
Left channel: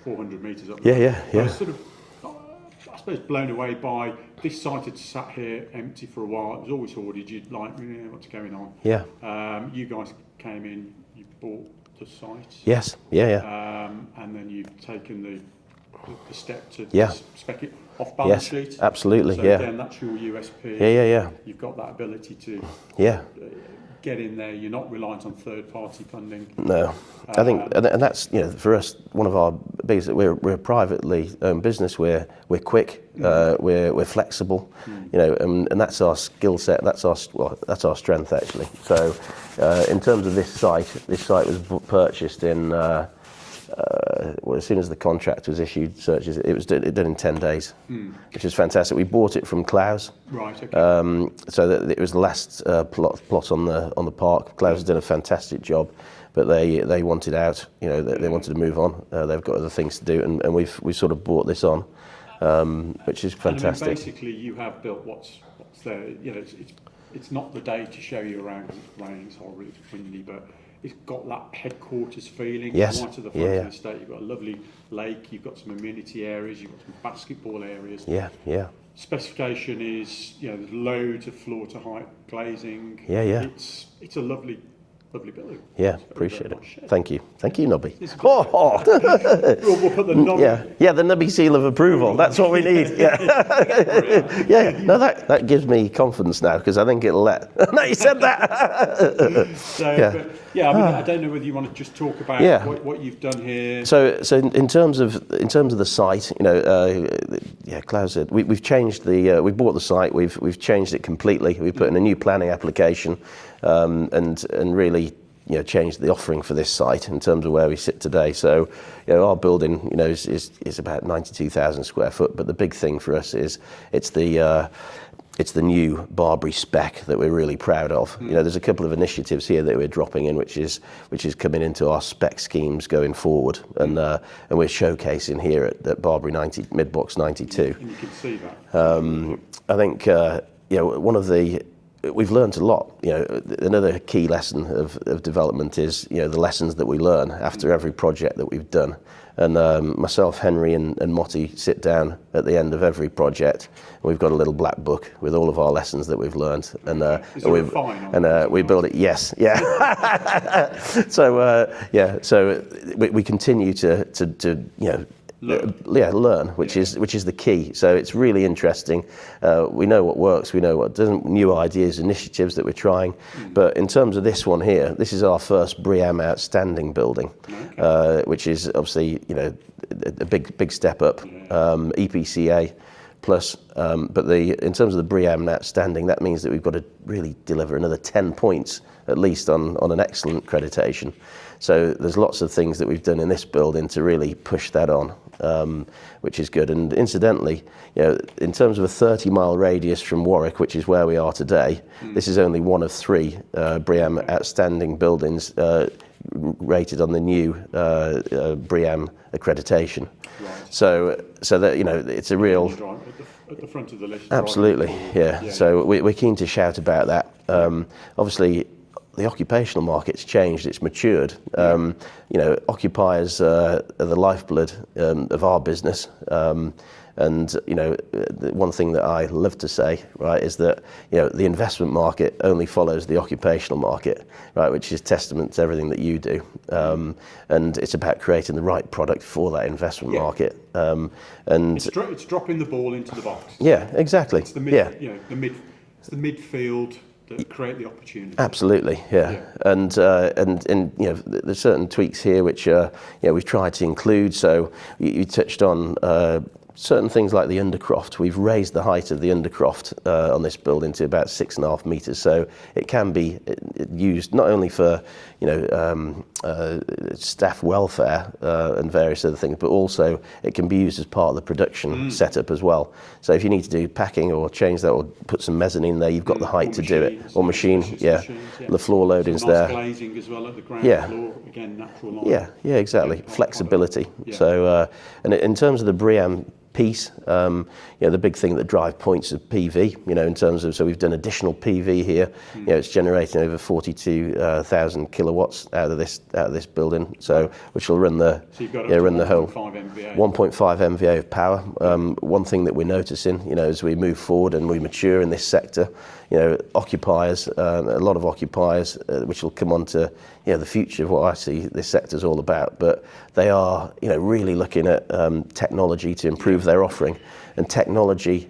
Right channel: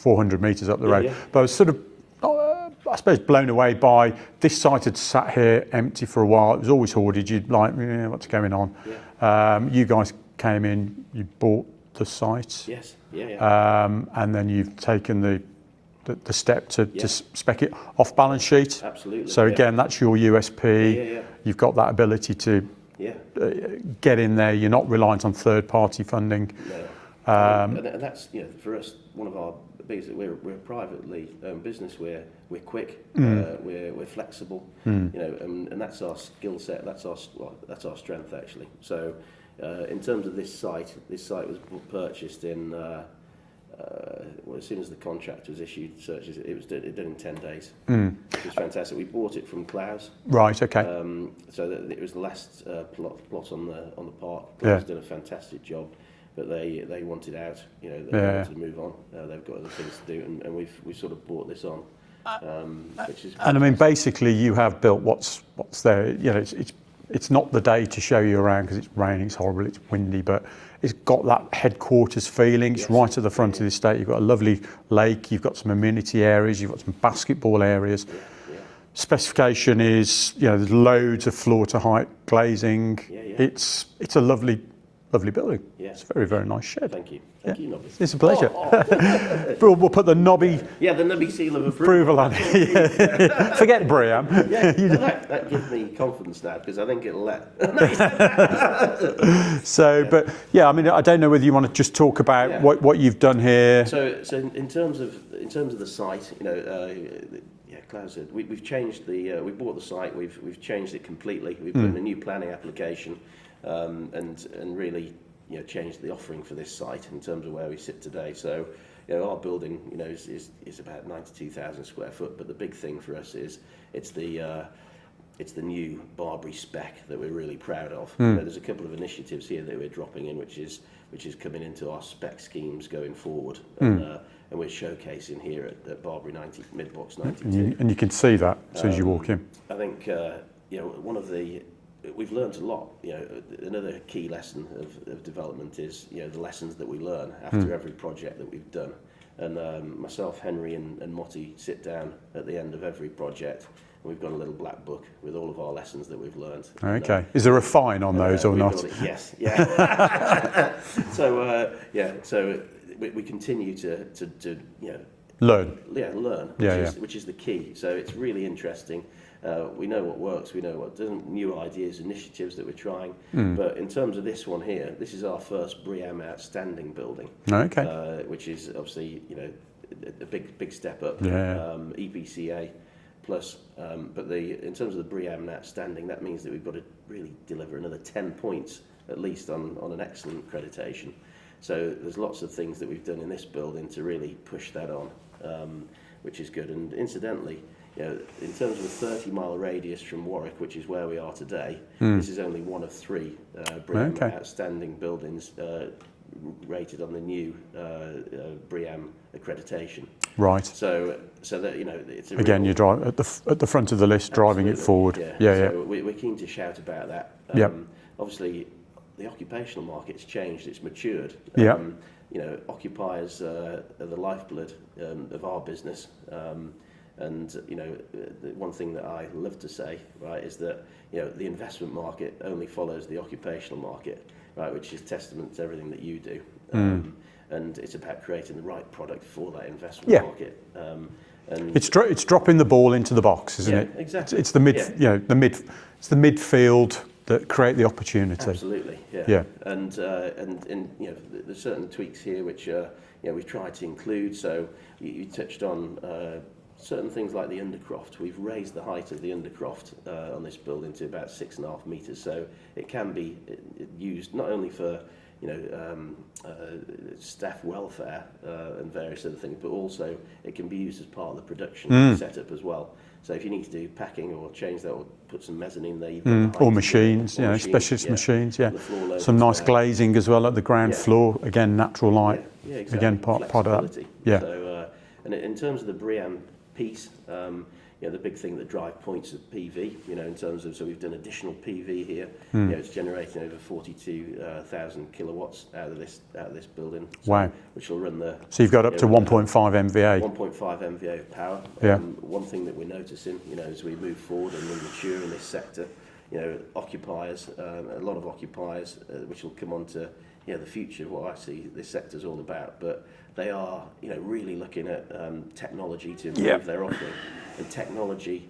400 metres up the road. Yeah. But I was sort of, I suppose, blown away by this site had sat here empty for a while. It was always hoarded. You'd like, what's going on? Yeah. You guys came in, you bought the site. Yes, yeah. And then you've taken the step to spec it off balance sheet. Absolutely. So again, that's your USP. Yeah. You've got that ability to get in there. You're not reliant on third-party funding. No. I think, and that's for us one of our biggest. We're a privately owned business. We're quick. We're flexible. And that's our skill set. That's our strength actually. So in terms of this site was purchased in. As soon as the contract was issued, searches it was done in 10 days, which was fantastic. We bought it from Clowes. Right. Okay. So that it was the last plot on the park. Clowes has done a fantastic job, but they wanted out. They wanted to move on. They've got other things to do, and we've sort of brought this on, which is fantastic. And I mean, basically, you have built what's there. It's not the day to show you around because it's raining, it's horrible, it's windy, but it's got that headquarters feeling. It's right at the front of the estate. You've got a lovely lake. You've got some amenity areas. You've got some basketball areas. Yeah. Specification is, there's loads of floor to height glazing. Yeah. It's a lovely building. Yeah, it's a very nice shed. Thank you, Nobby. It's a pleasure. We'll put the Nobby. The Nobby seal of approval. That's all we need. Forget Bria. No, that gives me confidence now because I think it'll let. No, you said that. But I mean, I don't know whether you want to just talk about what you've done here. So in terms of the site, Klaus said we've changed we bought the site. We've changed it completely. We put in a new planning application. And really, changed the offering for this site in terms of where we sit today. So, our building, is about 92,000 square foot. But the big thing for us is it's the new Barbary spec that we're really proud of. There's a couple of initiatives here that we're dropping in, which is coming into our spec schemes going forward, and we're showcasing here at Barbary mid-box 92. And you can see that as soon as you walk in. I think we've learned a lot. Another key lesson of development is the lessons that we learn after every project that we've done. And myself, Henry, and Motty sit down at the end of every project. And we've got a little black book with all of our lessons that we've learned. Okay. And, is there a fine on those? We build it. Yes. Yeah. So we continue to learn, which is the key. So it's really interesting. We know what works, we know what doesn't, new ideas, initiatives that we're trying. But in terms of this one here, this is our first BREEAM outstanding building, which is obviously a big step up. EPCA plus, but in terms of the BREEAM outstanding, that means that we've got to really deliver another 10 points at least on an excellent accreditation. So there's lots of things that we've done in this building to really push that on, which is good. And incidentally, in terms of a 30-mile radius from Warwick, which is where we are today, this is only one of 3 BREEAM outstanding buildings rated on the new BREEAM accreditation. Right. So that it's a real. You drive at the front of the list, absolutely, driving forward. Yeah. So we're keen to shout about that. Obviously, the occupational market's changed, it's matured. Occupiers are the lifeblood of our business. And the one thing that I love to say, right, is that the investment market only follows the occupational market, right, which is testament to everything that you do. And it's about creating the right product for that investment market. And it's dropping the ball into the box, isn't it? Yeah, exactly. It's the it's the midfield that create the opportunity. Absolutely, yeah. And there's certain tweaks here which we've tried to include. So you touched on certain things like the undercroft, we've raised the height of the undercroft on this building to about 6.5 metres, so it can be used not only for staff welfare and various other things, but also it can be used as part of the production setup as well. So if you need to do packing or change that or put some mezzanine there, you've got the height or to machines, do it. Or machines, machines, The floor loadings some nice there. glazing as well at the ground floor. Again, natural light. Yeah, exactly. Again, Flexibility. Yeah. So, and in terms of the BREEAM piece, the big thing that drive points of PV, in terms of, so we've done additional PV here. It's generating over 42,000 kilowatts out of this building. So, which will run the. So you've got up to 1.5 MVA. 1.5 MVA of power. One thing that we're noticing, as we move forward and we mature in this sector, occupiers, a lot of occupiers, which will come on to the future of what I see this sector is all about. But they are, really looking at technology to improve their offering, and technology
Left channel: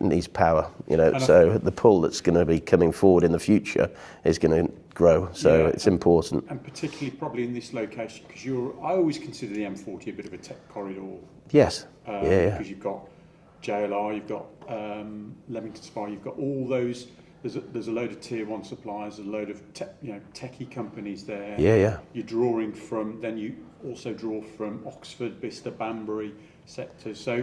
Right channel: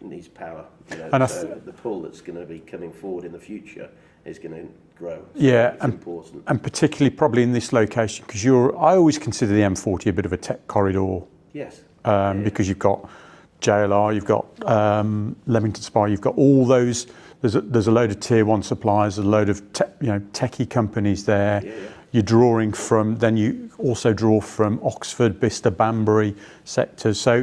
needs power. So the pull that's going to be coming forward in the future is going to grow. So it's important, and particularly probably in this location, because I always consider the M40 a bit of a tech corridor. Yes, because you've got JLR, you've got Leamington Spa, you've got all those. There's a load of tier one suppliers, a load of techie companies there. Yeah. You're drawing from. Then you also draw from Oxford, Bicester, Banbury sectors. So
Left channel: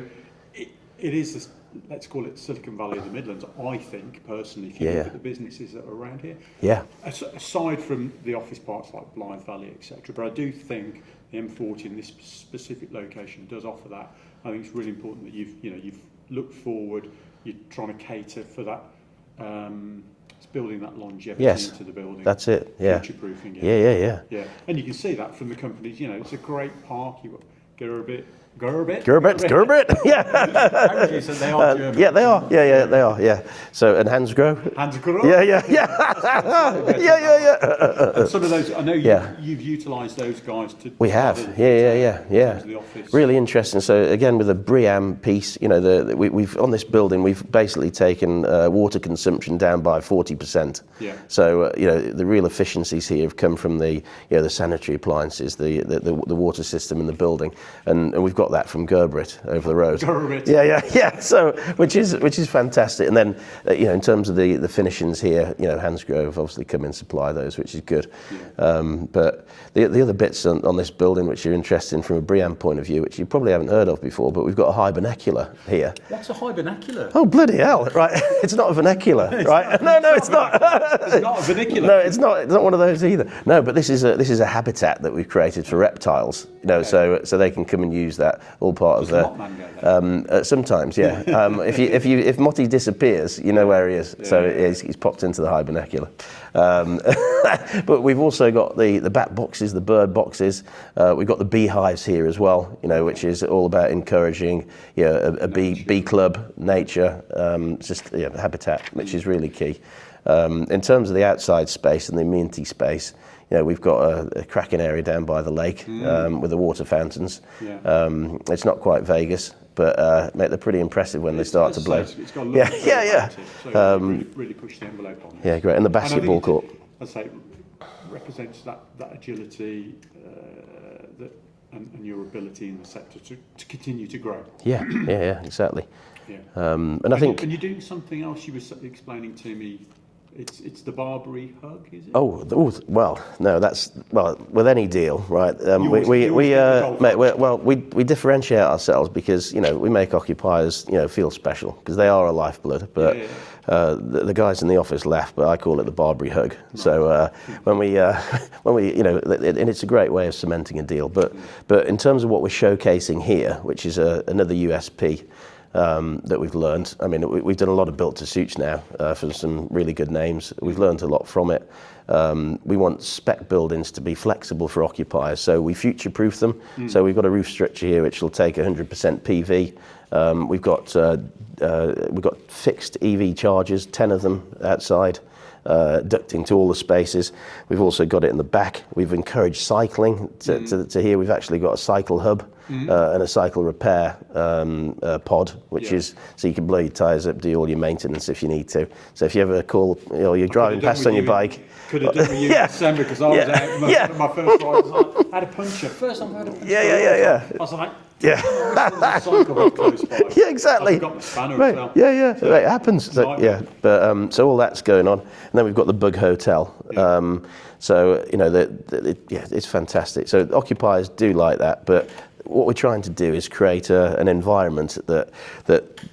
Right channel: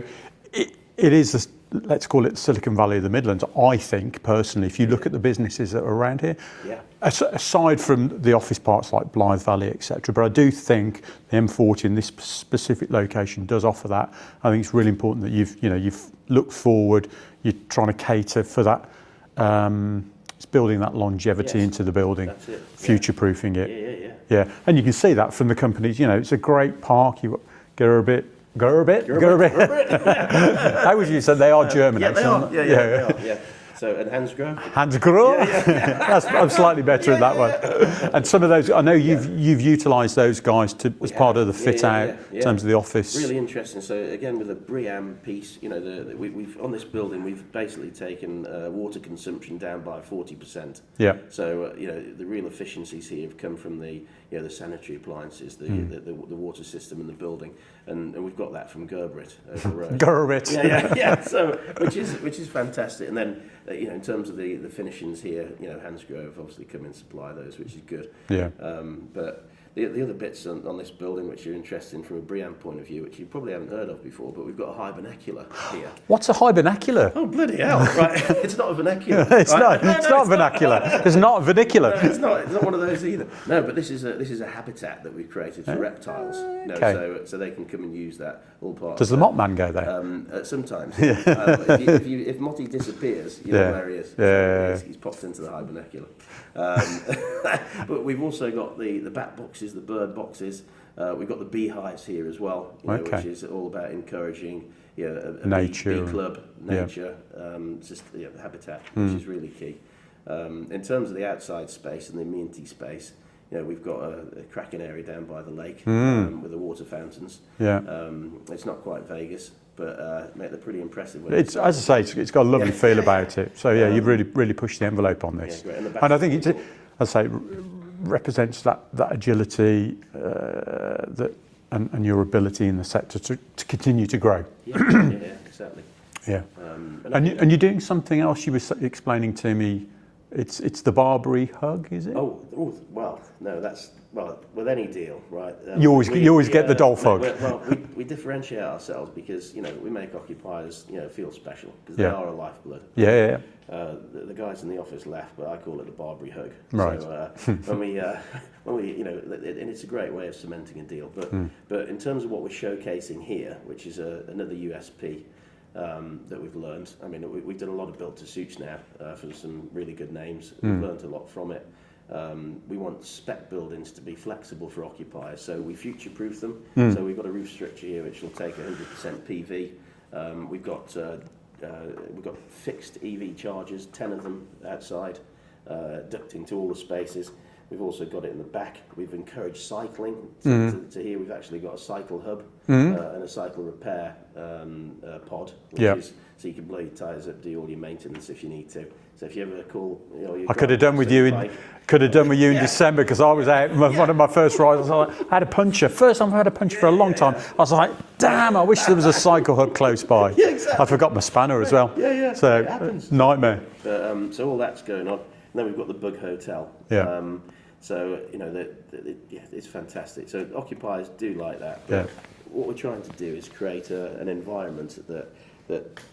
it is. Let's call it the Silicon Valley of the Midlands. I think personally, if you look at the businesses that are around here, aside from the office parts like Blythe Valley, etc., but I do think the M40 in this specific location does offer that. I think it's really important that you've looked forward. You're trying to cater for that. It's building that longevity into the building. That's it. Future-proofing it. Yeah. And you can see that from the companies. It's a great park. You've got Gerbit. How would you say they are German? Yeah, they are. Yeah, they are. Yeah. So, and Hansgrohe. Yeah. I'm slightly better in that one. And some of those, I know you've utilised those guys as part of the fit out in terms of the office. Really interesting. So again, with the BREEAM piece, we've on this building, we've basically taken water consumption down by 40%. Yeah. So the real efficiencies here have come from the sanitary appliances, the water system in the building, and we've got that from Gerbit over the road. Gerbit. Yeah. So which is fantastic. And then in terms of the finishings here, Hansgrohe have obviously come in and supply those, which is good. Yeah. But the other bits on this building which are interesting from a BREEAM point of view, which you probably haven't heard of before, but we've got a hibernacular here. What's a hibernacular? Oh, bloody hell! Right, it's not a vernacular. It's not vernacular. It's not a vernacular. No, it's not one of those either. No, but this is a habitat that we've created for reptiles. So they can come and use that. All part Does of. the Mothman go there? Sometimes, yeah. If Motty disappears, you know where he is. He's popped into the hibernacular. But we've also got the bat boxes, the bird boxes. We've got the beehives here as well. Which is all about encouraging a bee club, nature, habitat, which is really key. In terms of the outside space and the amenity space, we've got a cracking area down by the lake with the water fountains. Yeah. It's not quite Vegas, but mate, they're pretty impressive when they start to play. It's got a lovely feel about it. So you've really pushed the envelope on this. Yeah, great. And the basketball court. I'd say represents that agility and your ability in the sector to continue to grow. Yeah, exactly. Yeah. And I think. And you're doing something else. You were explaining to me. It's the Barbary hug, is it? Oh well, no, that's with any deal, right? You always get the dolphin. We differentiate ourselves because we make occupiers feel special because they are a lifeblood. But the guys in the office laugh, but I call it the Barbary hug. Right. So when we and it's a great way of cementing a deal. But in terms of what we're showcasing here, which is another USP. That we've learned. I mean, we've done a lot of built to suits now for some really good names. We've learned a lot from it. We want spec buildings to be flexible for occupiers, so we future-proof them. So we've got a roof structure here which will take 100% PV. We've got fixed EV chargers, 10 of them outside. Ducting to all the spaces. We've also got it in the back. We've encouraged cycling to here. We've actually got a cycle hub and a cycle repair pod, which Yeah. is so you can blow your tyres up, do all your maintenance if you need to. So if you ever call, you're I could have driving done past with on you. your bike. Could have done with you in Yeah. December because I was Yeah. out. One of my first rides, I had a puncture. First time I've had a puncture for a long time. I was like, damn, I wish there was a cycle hub close by. Yeah, exactly. I forgot my spanner as well. Yeah. So it happens. Nightmare. But so all that's going on, and then we've got the Bug Hotel. Yeah. So it's fantastic. So occupiers do like that, but what we're trying to do is create an environment that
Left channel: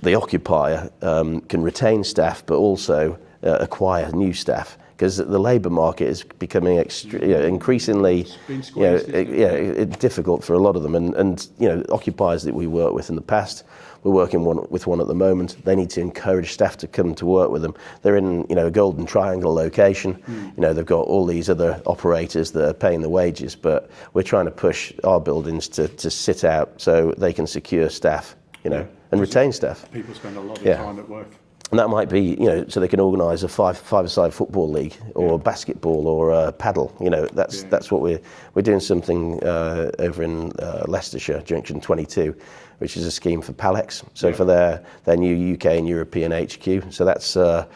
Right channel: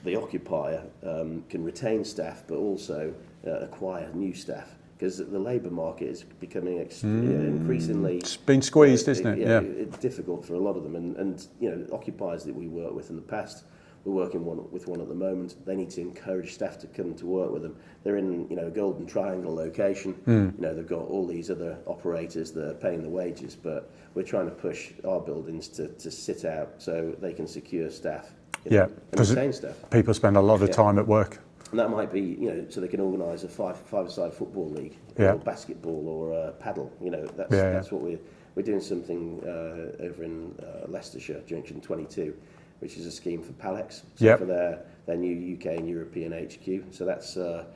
the occupier can retain staff, but also acquire new staff. Because the labour market is becoming increasingly It's been squeezed, isn't it? it's difficult for a lot of them, and occupiers that we work with in the past, we're working with one at the moment. They need to encourage staff to come to work with them. They're in a golden triangle location. They've got all these other operators that are paying the wages, but we're trying to push our buildings to sit out so they can secure staff, and retain staff. People spend a lot of time at work. And that might be, so they can organise a five-a-side football league or basketball or paddle. That's what we're doing something over in Leicestershire, Junction 22, which is a scheme for Palex. So for their new UK and European HQ. So that's over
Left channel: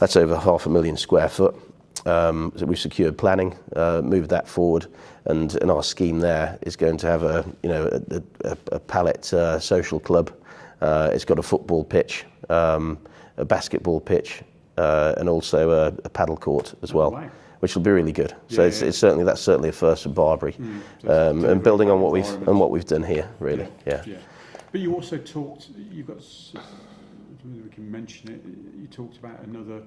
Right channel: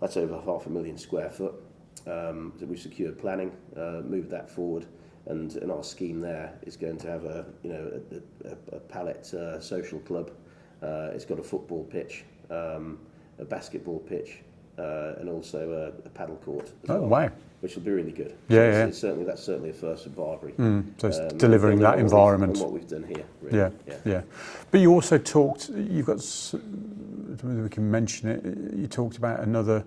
500,000 square foot. So we've secured planning, moved that forward, and our scheme there is going to have a pallet social club. It's got a football pitch. A basketball pitch, and also a paddle court as well, wow. which will be really good. Yeah, so it's certainly a first for Barbary, So it's delivering building that on environment. what we've done here, really. Yeah. But you also talked. You've got. Whether we can mention it. You talked about another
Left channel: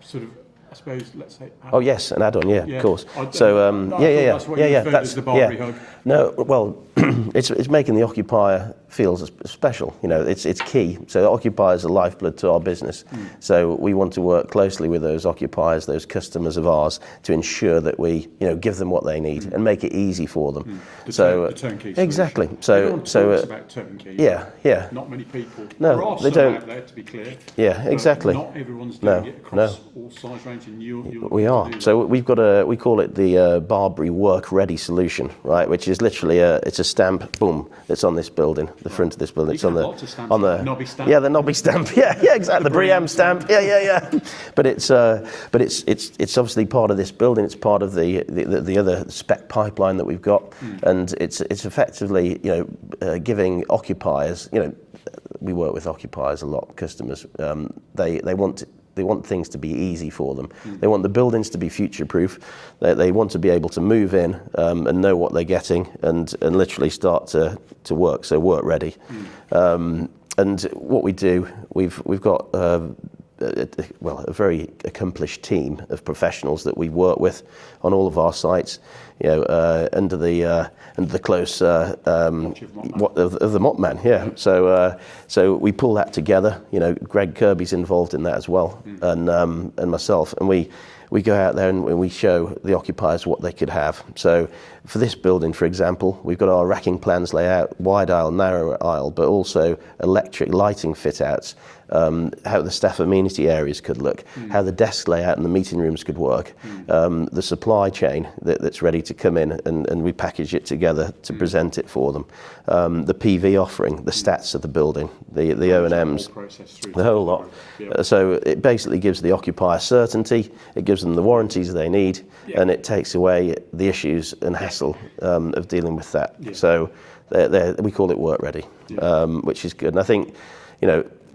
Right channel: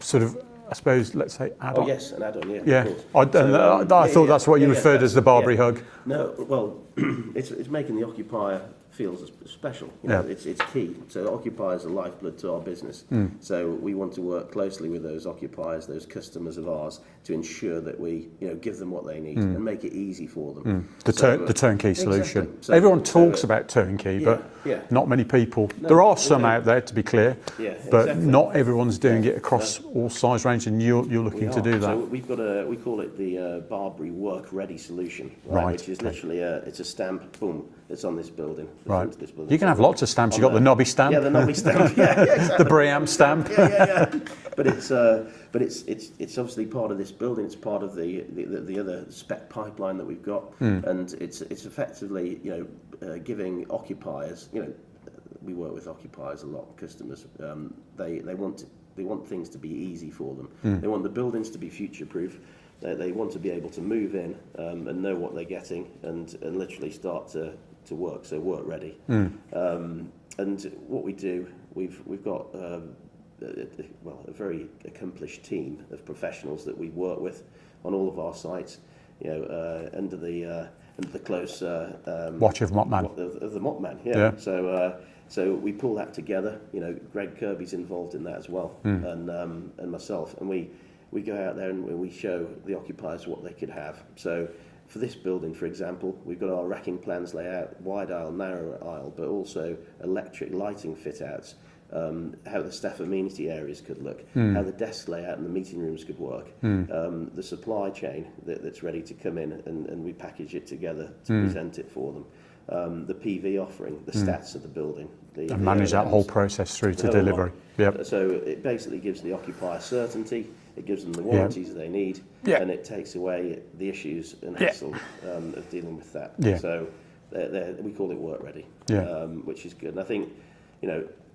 sort of. I suppose, let's say, add-on. Oh yes, an add-on, of course. I thought that's what you referred as the Barbary hug. No, well, it's making the occupier feel special. It's key. So occupiers are lifeblood to our business. So we want to work closely with those occupiers, those customers of ours, to ensure that we, give them what they need and make it easy for them. The turnkey solution. Exactly. So everyone talks about turnkey, but not many people. No, there are some don't. out there, to be clear. Yeah, but exactly. not everyone's doing it across all size range, and you're looking to do that. So we call it the Barbary Work Ready solution, right? Which is literally it's a stamp, boom, that's on this building, the front of this building. You can have lots of stamps. You've got the knobby stamp. Yeah, the knobby stamp. Yeah, exactly. The Briam stamp. Yeah. But it's obviously part of this building. It's part of the other spec pipeline that we've got, and it's effectively giving occupiers. We work with occupiers a lot, customers. They want things to be easy for them. They want the buildings to be future-proof. They want to be able to move in and know what they're getting and literally start to work. So work ready. And what we do, we've got a very accomplished team of professionals that we work with on all of our sites. Under the close watch of Mopman. Of the Mopman, yeah. So we pull that together. Greg Kirby's involved in that as well, and myself, and we go out there and we show the occupiers what they could have. So for this building, for example, we've got our racking plans layout, wide aisle, narrow aisle, but also electric lighting fit outs. How the staff amenity areas could look, how the desk layout and the meeting rooms could work, the supply chain that's ready to come in, and we package it together to present it for them. The PV offering, the stats of the building, the O&Ms. That whole process through to whole delivery. Yep. So it basically gives the occupier certainty, it gives them the warranties they need, and it takes away the issues and hassle of dealing with that. So we call it work ready, which is good. And I think,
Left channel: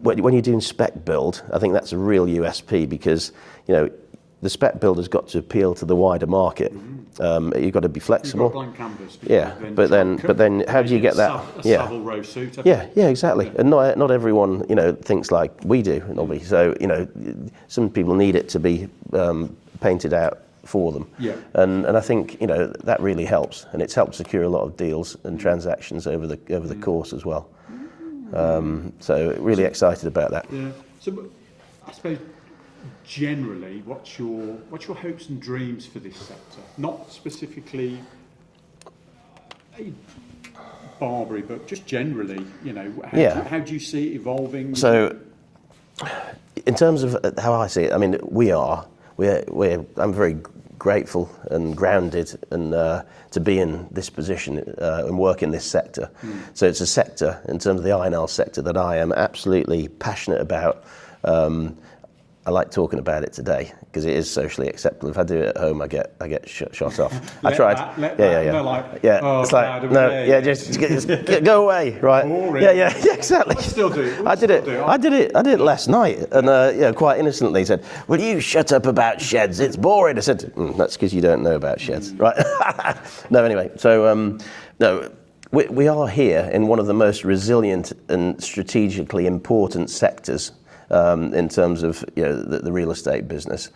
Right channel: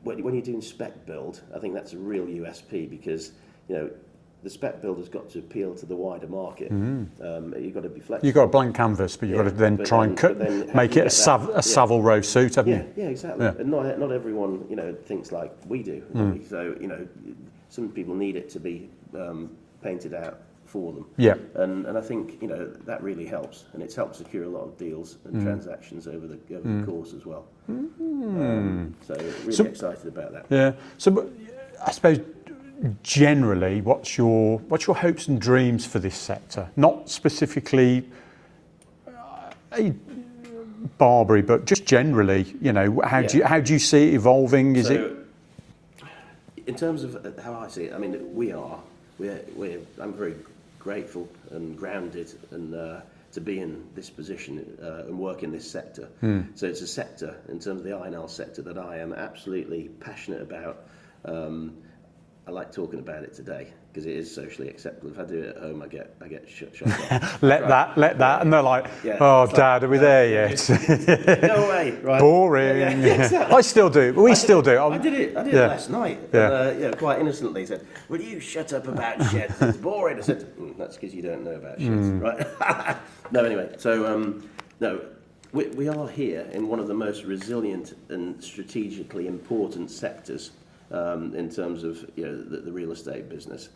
when you're doing spec build, I think that's a real USP because, the spec build has got to appeal to the wider market. You've got to be flexible. You've got a blank canvas, but you've got to then how do you get that? A Savile Row suit, haven't you? Yeah, exactly. Yeah. And not everyone, thinks like we do normally. So, some people need it to be painted out for them. Yeah. And I think, that really helps, and it's helped secure a lot of deals and transactions over the course as well. So really excited about that. Yeah. So I suppose generally, what's your hopes and dreams for this sector? Not specifically Barbary, but just generally, how do you see it evolving? In terms of how I see it, I mean, I'm very grateful and grounded and to to be in this position and work in this sector. So it's a sector, in terms of the I&L sector, that I am absolutely passionate about. I like talking about it today because it is socially acceptable. If I do it at home, I get shot off. let that, and they're like, oh, Dad, are we there yet? Just go away, right? Boring. Yeah, exactly. I still do. We still do. I did it last night, and quite innocently said, "Will you shut up about sheds? It's boring." I said, "That's because you don't know about sheds, right?" No, anyway. So no. We are here in one of the most resilient and strategically important sectors in terms of the real estate business.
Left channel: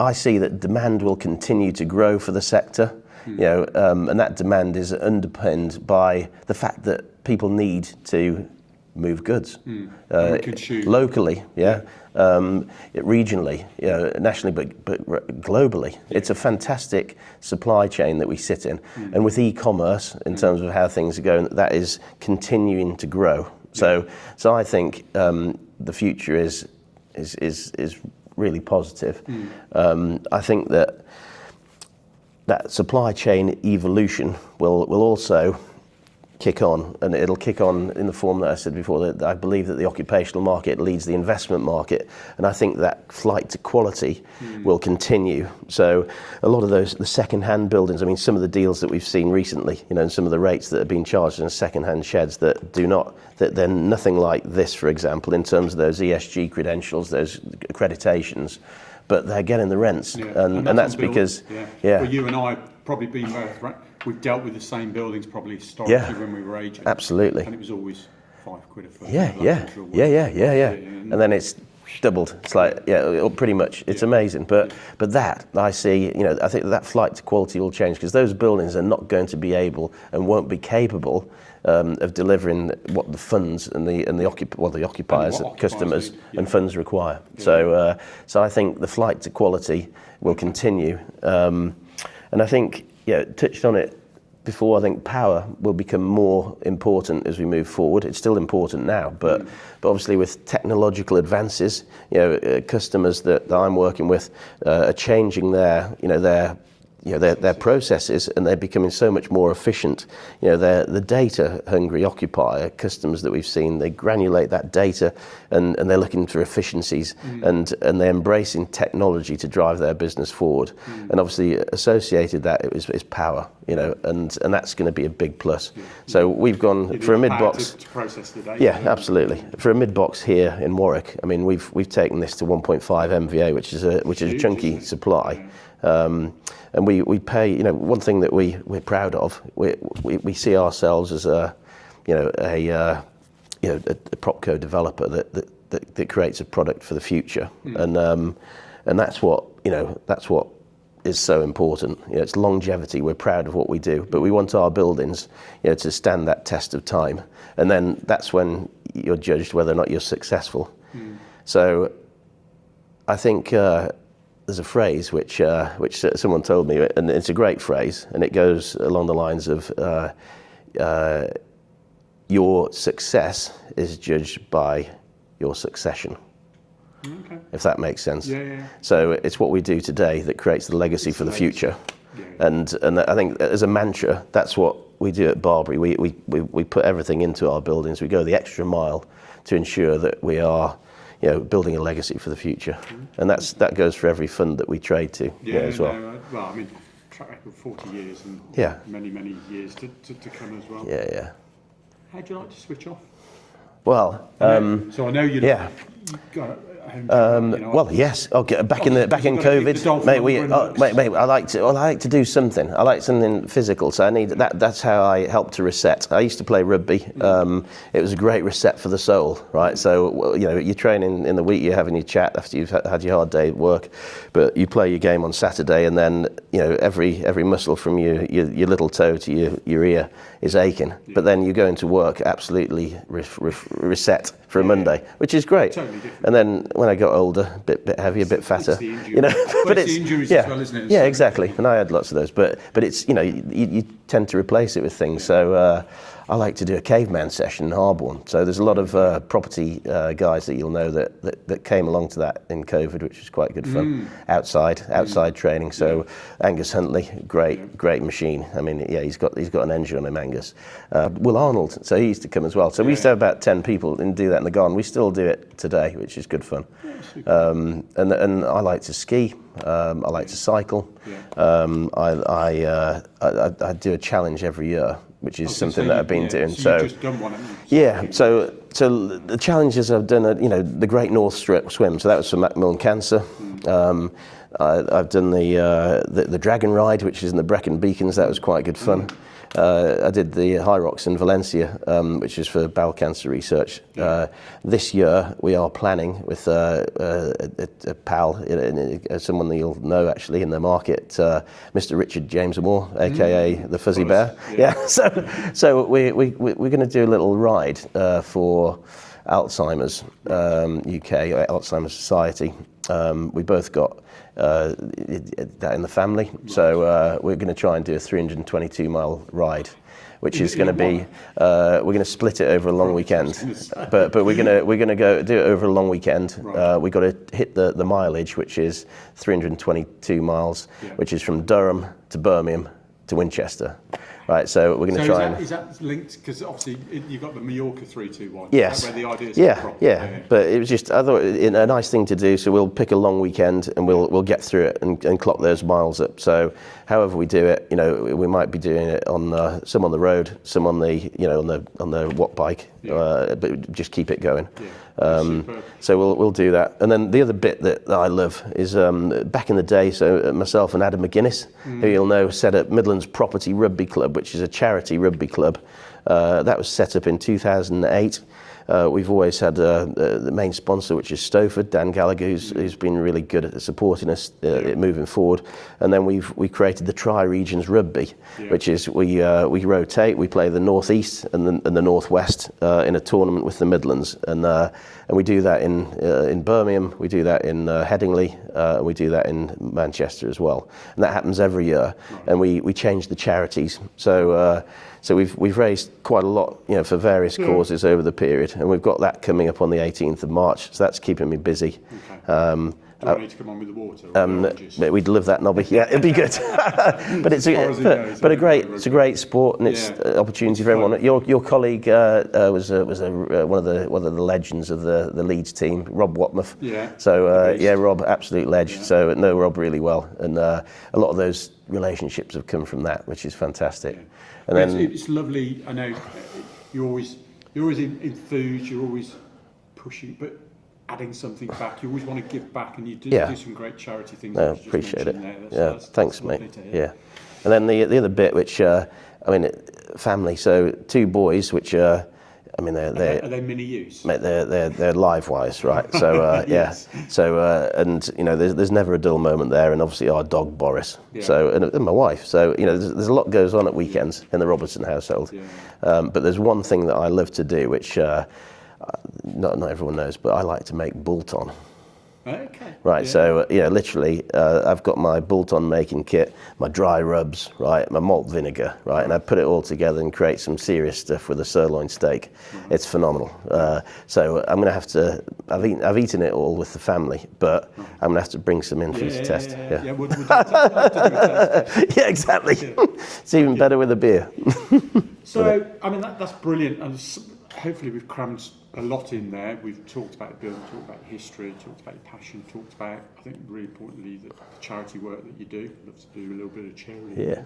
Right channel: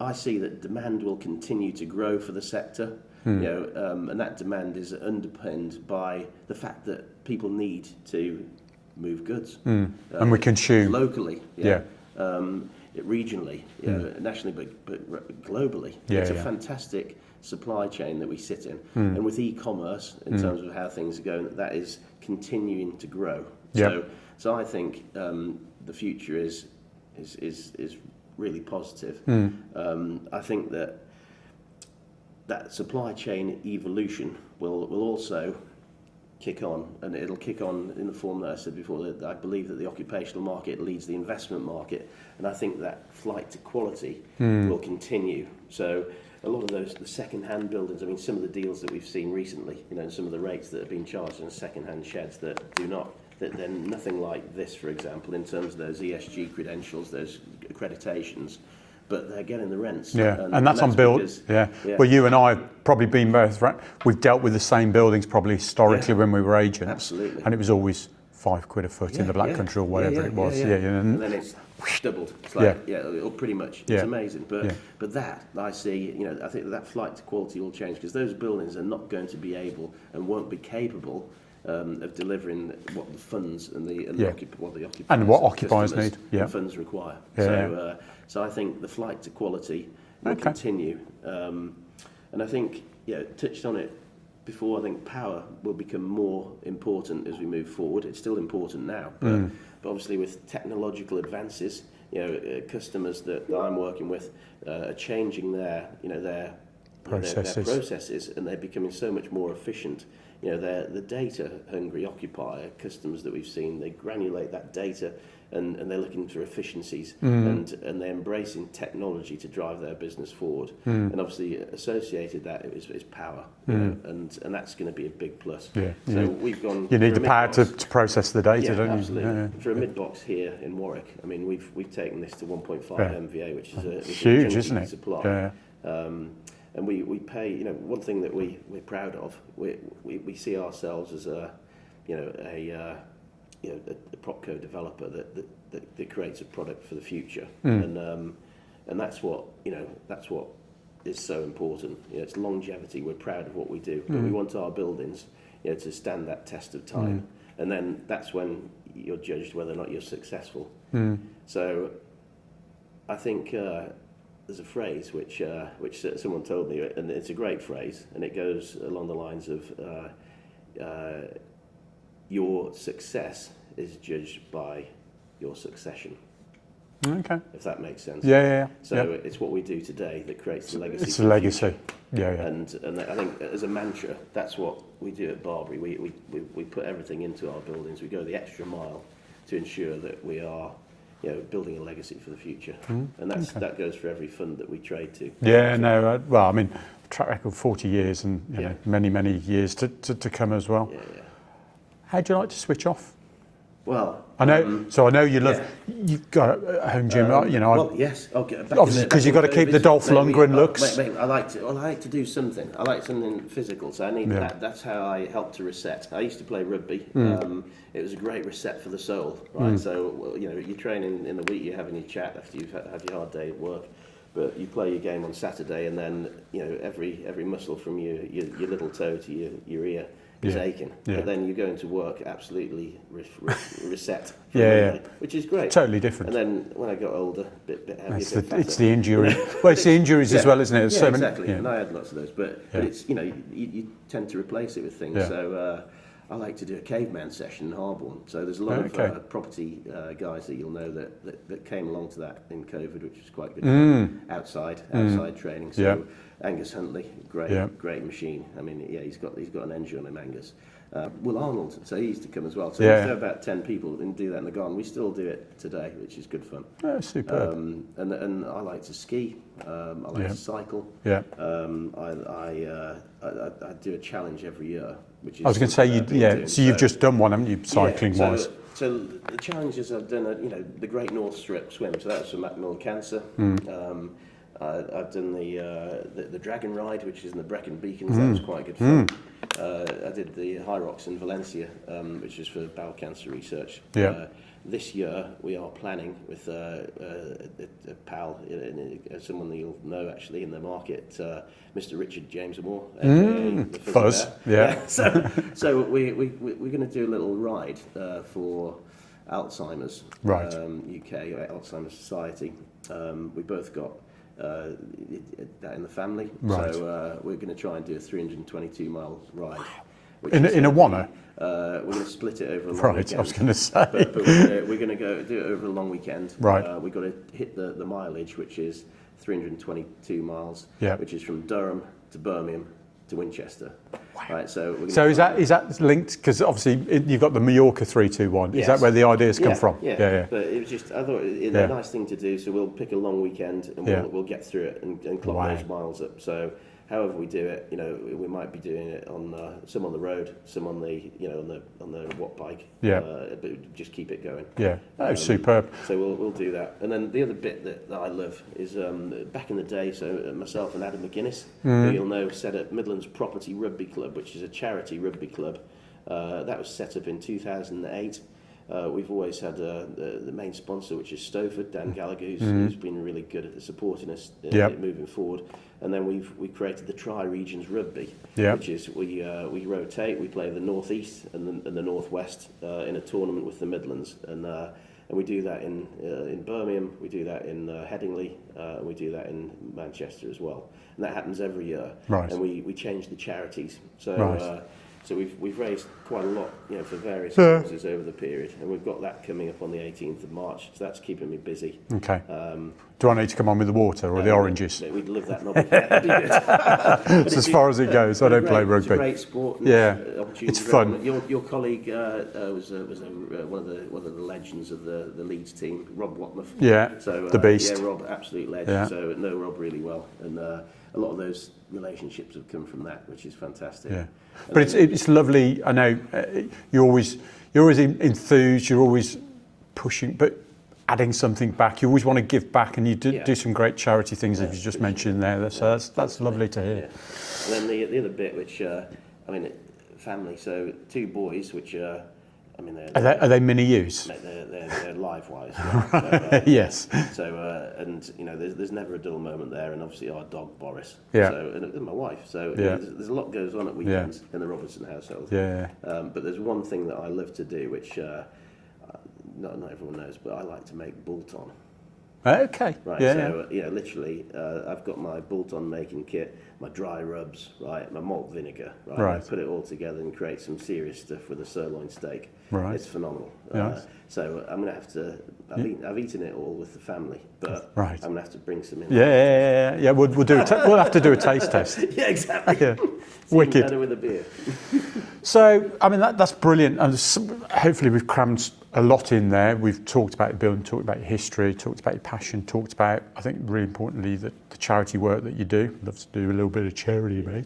I see that demand will continue to grow for the sector, and that demand is underpinned by the fact that people need to move goods, and we consume locally, regionally, nationally, but globally. It's a fantastic supply chain that we sit in, and with e-commerce, in terms of how things are going, that is continuing to grow. So I think the future is really positive. I think that supply chain evolution will also kick on, and it'll kick on in the form that I said before, that I believe that the occupational market leads the investment market, and I think that flight to quality will continue. So a lot of the second-hand buildings, I mean, some of the deals that we've seen recently, and some of the rates that are being charged in second-hand sheds that they're nothing like this, for example, in terms of those ESG credentials, those accreditations, but they're getting the rents. And that's because well, you and I have probably been both, right? We've dealt with the same buildings probably historically when we were agents. Absolutely. And it was always £5 a foot in the Black Country or whatever it was. And then it's doubled. It's like, pretty much. It's amazing. But that, I see, I think that flight to quality will change, because those buildings are not going to be able and won't be capable of delivering what the funds and the occupiers, and customers and funds require. So I think the flight to quality will continue. And I think, touched on it before, I think power will become more important as we move forward. It's still important now, but obviously with technological advances, customers that I'm working with are changing their processes, and they're becoming so much more efficient. They're the data-hungry occupier customers that we've seen. They granulate that data, and they're looking for efficiencies, and they're embracing technology to drive their business forward. And obviously, associated that is power, and that's going to be a big plus. So we've gone for a mid-box to process the data. Yeah, absolutely. For a mid-box here in Warwick, I mean, we've taken this to 1.5 MVA, which is a chunky supply. And we pay, one thing that we're proud of, we see ourselves as a propco developer that creates a product for the future, and that's what is so important. It's longevity. We're proud of what we do, but we want our buildings, to stand that test of time, and then that's when you're judged whether or not you're successful. So I think there's a phrase which someone told me, and it's a great phrase, and it goes along the lines of your success is judged by your succession. Okay. If that makes sense. So it's what we do today that creates the legacy for the future. And I think as a mantra, that's what we do at Barbary. We put everything into our buildings. We go the extra mile to ensure that we are building a legacy for the future, and that goes for every fund that we trade to. Well, I mean, track record 40 years, and many years to come as well. How do you like to switch off? Well, I know you love. You've got a home gym, Well, yes. Okay, back in because you've got to keep the Dolph Lundgren looks. Mate, I like to do something. I like something physical, so I need that. That's how I help to reset. I used to play rugby. It was a great reset for the soul, right? So you're training in the week, you're having your chat after you've had your hard day at work, but you play your game on Saturday, and then every muscle from your little toe to your ear is aching. But then you go into work absolutely reset for a Monday, which is great. Totally different. And then when I got older, bit heavier, a bit fatter. It's the injury. But it's the injuries as well, isn't it? Yeah, exactly. And I had lots of those. But it's, you tend to replace it with things. Yeah. So I like to do a caveman session in Harborne. So there's a lot of property guys that you'll know that came along to that in COVID, which was quite good fun. Outside training. So Angus Huntley, great machine. I mean, he's got an engine on him, Angus. Will Arnold, so he used to come as well. So we used to have about 10 people and do that in the garden. We still do it today, which is good fun. Oh, super. And I like to ski. I like to cycle. Yeah. I do a challenge every year, which is something that I've been doing. So you've just done one, haven't you? Cycling so the challenges I've done are, the Great North Swim. So that was for Macmillan Cancer. I've done the Dragon Ride, which is in the Brecon Beacons. That was quite good fun. I did the High Rocks in Valencia, which is for bowel cancer research. Yeah. This year we are planning with a pal, someone that you'll know actually in the market, Mr. Richard James Moore, aka the Fuzzy Bear. Yeah. So we're going to do a little ride for Alzheimer's UK, Alzheimer's Society. We both got that in the family, so we're going to try and do a 322-mile ride, which is going to be we're going to split it over a long weekend. But we're going to go do it over a long weekend. Right. We got to hit the mileage, which is 322 miles, which is from Durham to Birmingham to Winchester. Right, so we're going to try. Is that linked? Because obviously you've got the Mallorca 321. Yes. Is that where the ideas come from? Yeah. But it was just, I thought a nice thing to do. So we'll pick a long weekend and we'll get through it and clock those miles up. So however we do it, we might be doing it on some on the road, some on the on the watt bike. But just keep it going. Yeah. Superb. So we'll do that. And then the other bit that I love is back in the day. So myself and Adam McGuinness, who you'll know, set up Midlands Property Rugby Club, which is a charity rugby club. That was set up in 2008. We've always had the main sponsor, which is Stowford, Dan Gallagher, who's been really good at supporting us moving forward. And then we created the Tri-Regions Rugby, which is we rotate. We play the Northeast and the Northwest in a tournament with the Midlands, and we do that in Birmingham. We do that in Headingley. We do that in Manchester as well, and that happens every year. Right. And we change the charities. So. So we've raised quite a lot, for various causes over the period, and we've got that coming up on the 18th of March. So that's keeping me busy. Okay. Do I need to come on with the water or the oranges? We'd love that, Nobby. Yeah, it'd be good. But as far as it goes, I don't play rugby. It's a great sport, and it's an opportunity for everyone. Your colleague was one of the legends of the Leeds team, Rob Watmouth. Yeah. So the beast. Rob, absolute legend. Yeah. So I know Rob really well, and a lot of those relationships have come from that, which is fantastic. Yeah. But it's lovely. I know you're always enthused. You're always pushing, but adding something back. You always want to give back, and you do some great charity things that you just mentioned there. That's lovely to hear. Yeah. And then the other bit, which family. So 2 boys, which are they mini yous? Mate, they're live wise, right? So yes. So and there's never a dull moment there, and obviously our dog Boris. Yeah. So and my wife. So there's a lot goes on at weekends in the Robertson household. Yeah. But there's one thing that I love to do, which not everyone knows, but I like to make Bulton. Okay. Right. Yeah. So literally, I've got my Bulton making kit, my dry rubs, right, my malt vinegar, right, and I put it all together and create some serious stuff with a sirloin steak. Right. It's phenomenal. So I'm going to have to. I've eaten it all with the family, but I'm going to have to bring some in for this test. Yeah. We'll have to do a taste test. Yeah, exactly. Yeah. It's even better with a beer. So that's brilliant, and hopefully we've crammed a lot in there. We've talked about building, talked about your history, talked about your passion, talked about, I think really importantly, the charity work that you do. Love to do a little bit of charity,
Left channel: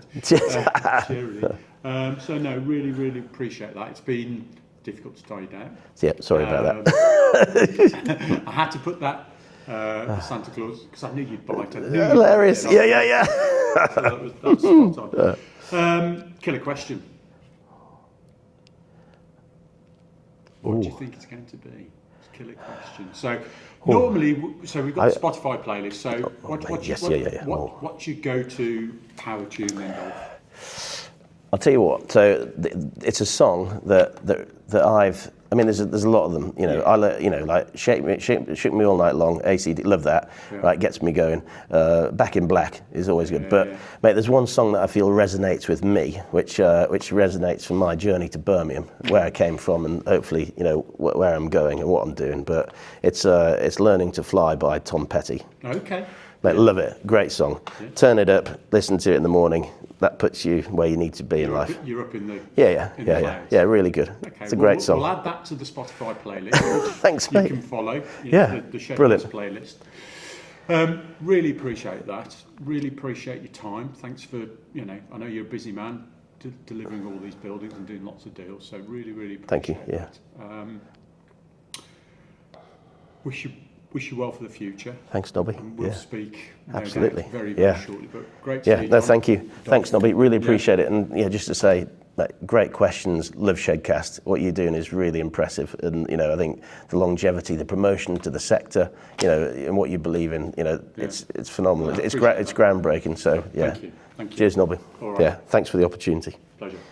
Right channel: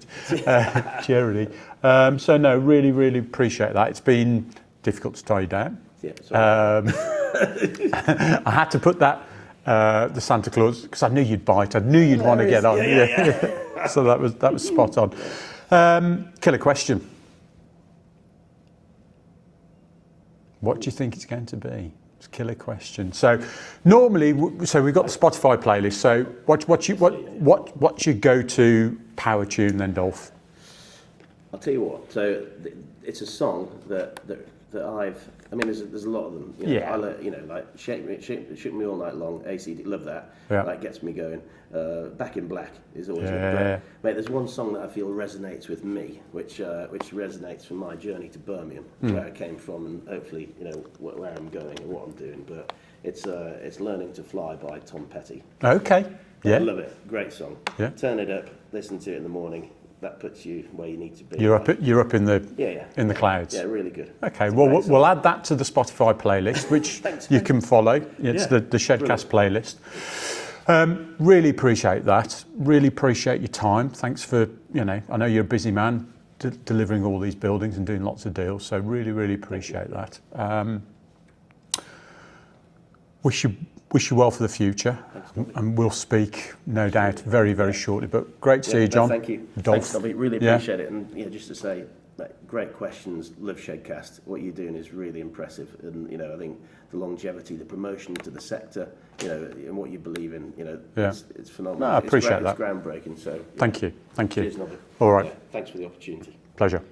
charity. So no, really, really appreciate that. It's been difficult to tie you down. Yeah, sorry about that. I had to put that, the Santa Claus, because I knew you'd bite. I knew you'd want to get on. Yeah. So that was spot on. Killer question. What do you think it's going to be? It's a killer question. So normally, we've got the Spotify playlist. So what's your go-to power tune then, Dolph? I'll tell you what. So it's a song that I've I mean, there's a lot of them. You know, Yeah. like Shake Me All Night Long, ACD, love that. Yeah. Right, gets me going. Back in Black is always good. Yeah. But mate, there's one song that I feel resonates with me, which resonates from my journey to Birmingham, where I came from, and hopefully, you know, where I'm going and what I'm doing. But it's Learning to Fly by Tom Petty. Okay. Mate, I Yeah. love it. Great song. Yeah. Turn it up. Listen to it in the morning. That puts you where you need to be in life. You're up in the the clouds. Yeah, really good. Okay, It's a well, great song. we'll add that to the Spotify playlist, which Thanks, you mate. can follow. It's the Shedcast playlist. Really appreciate that. Really appreciate your time. Thanks for, you know, I know you're a busy man delivering all these buildings and doing lots of deals, so really appreciate that. Wish you well for the future. Thanks, Nobby. And we'll speak, no Absolutely. doubt, very shortly. But great to see you, No, John. thank you. Thanks, Nobby. Really appreciate it. And just to say, great questions. Love Shedcast. What you're doing is really impressive. And you know, I think the longevity, the promotion to the sector, you know, and what you believe in, you know, it's phenomenal. No, I appreciate that. It's groundbreaking. So Thank you. Cheers, Nobby. All right. Yeah. Thanks for the opportunity. Pleasure.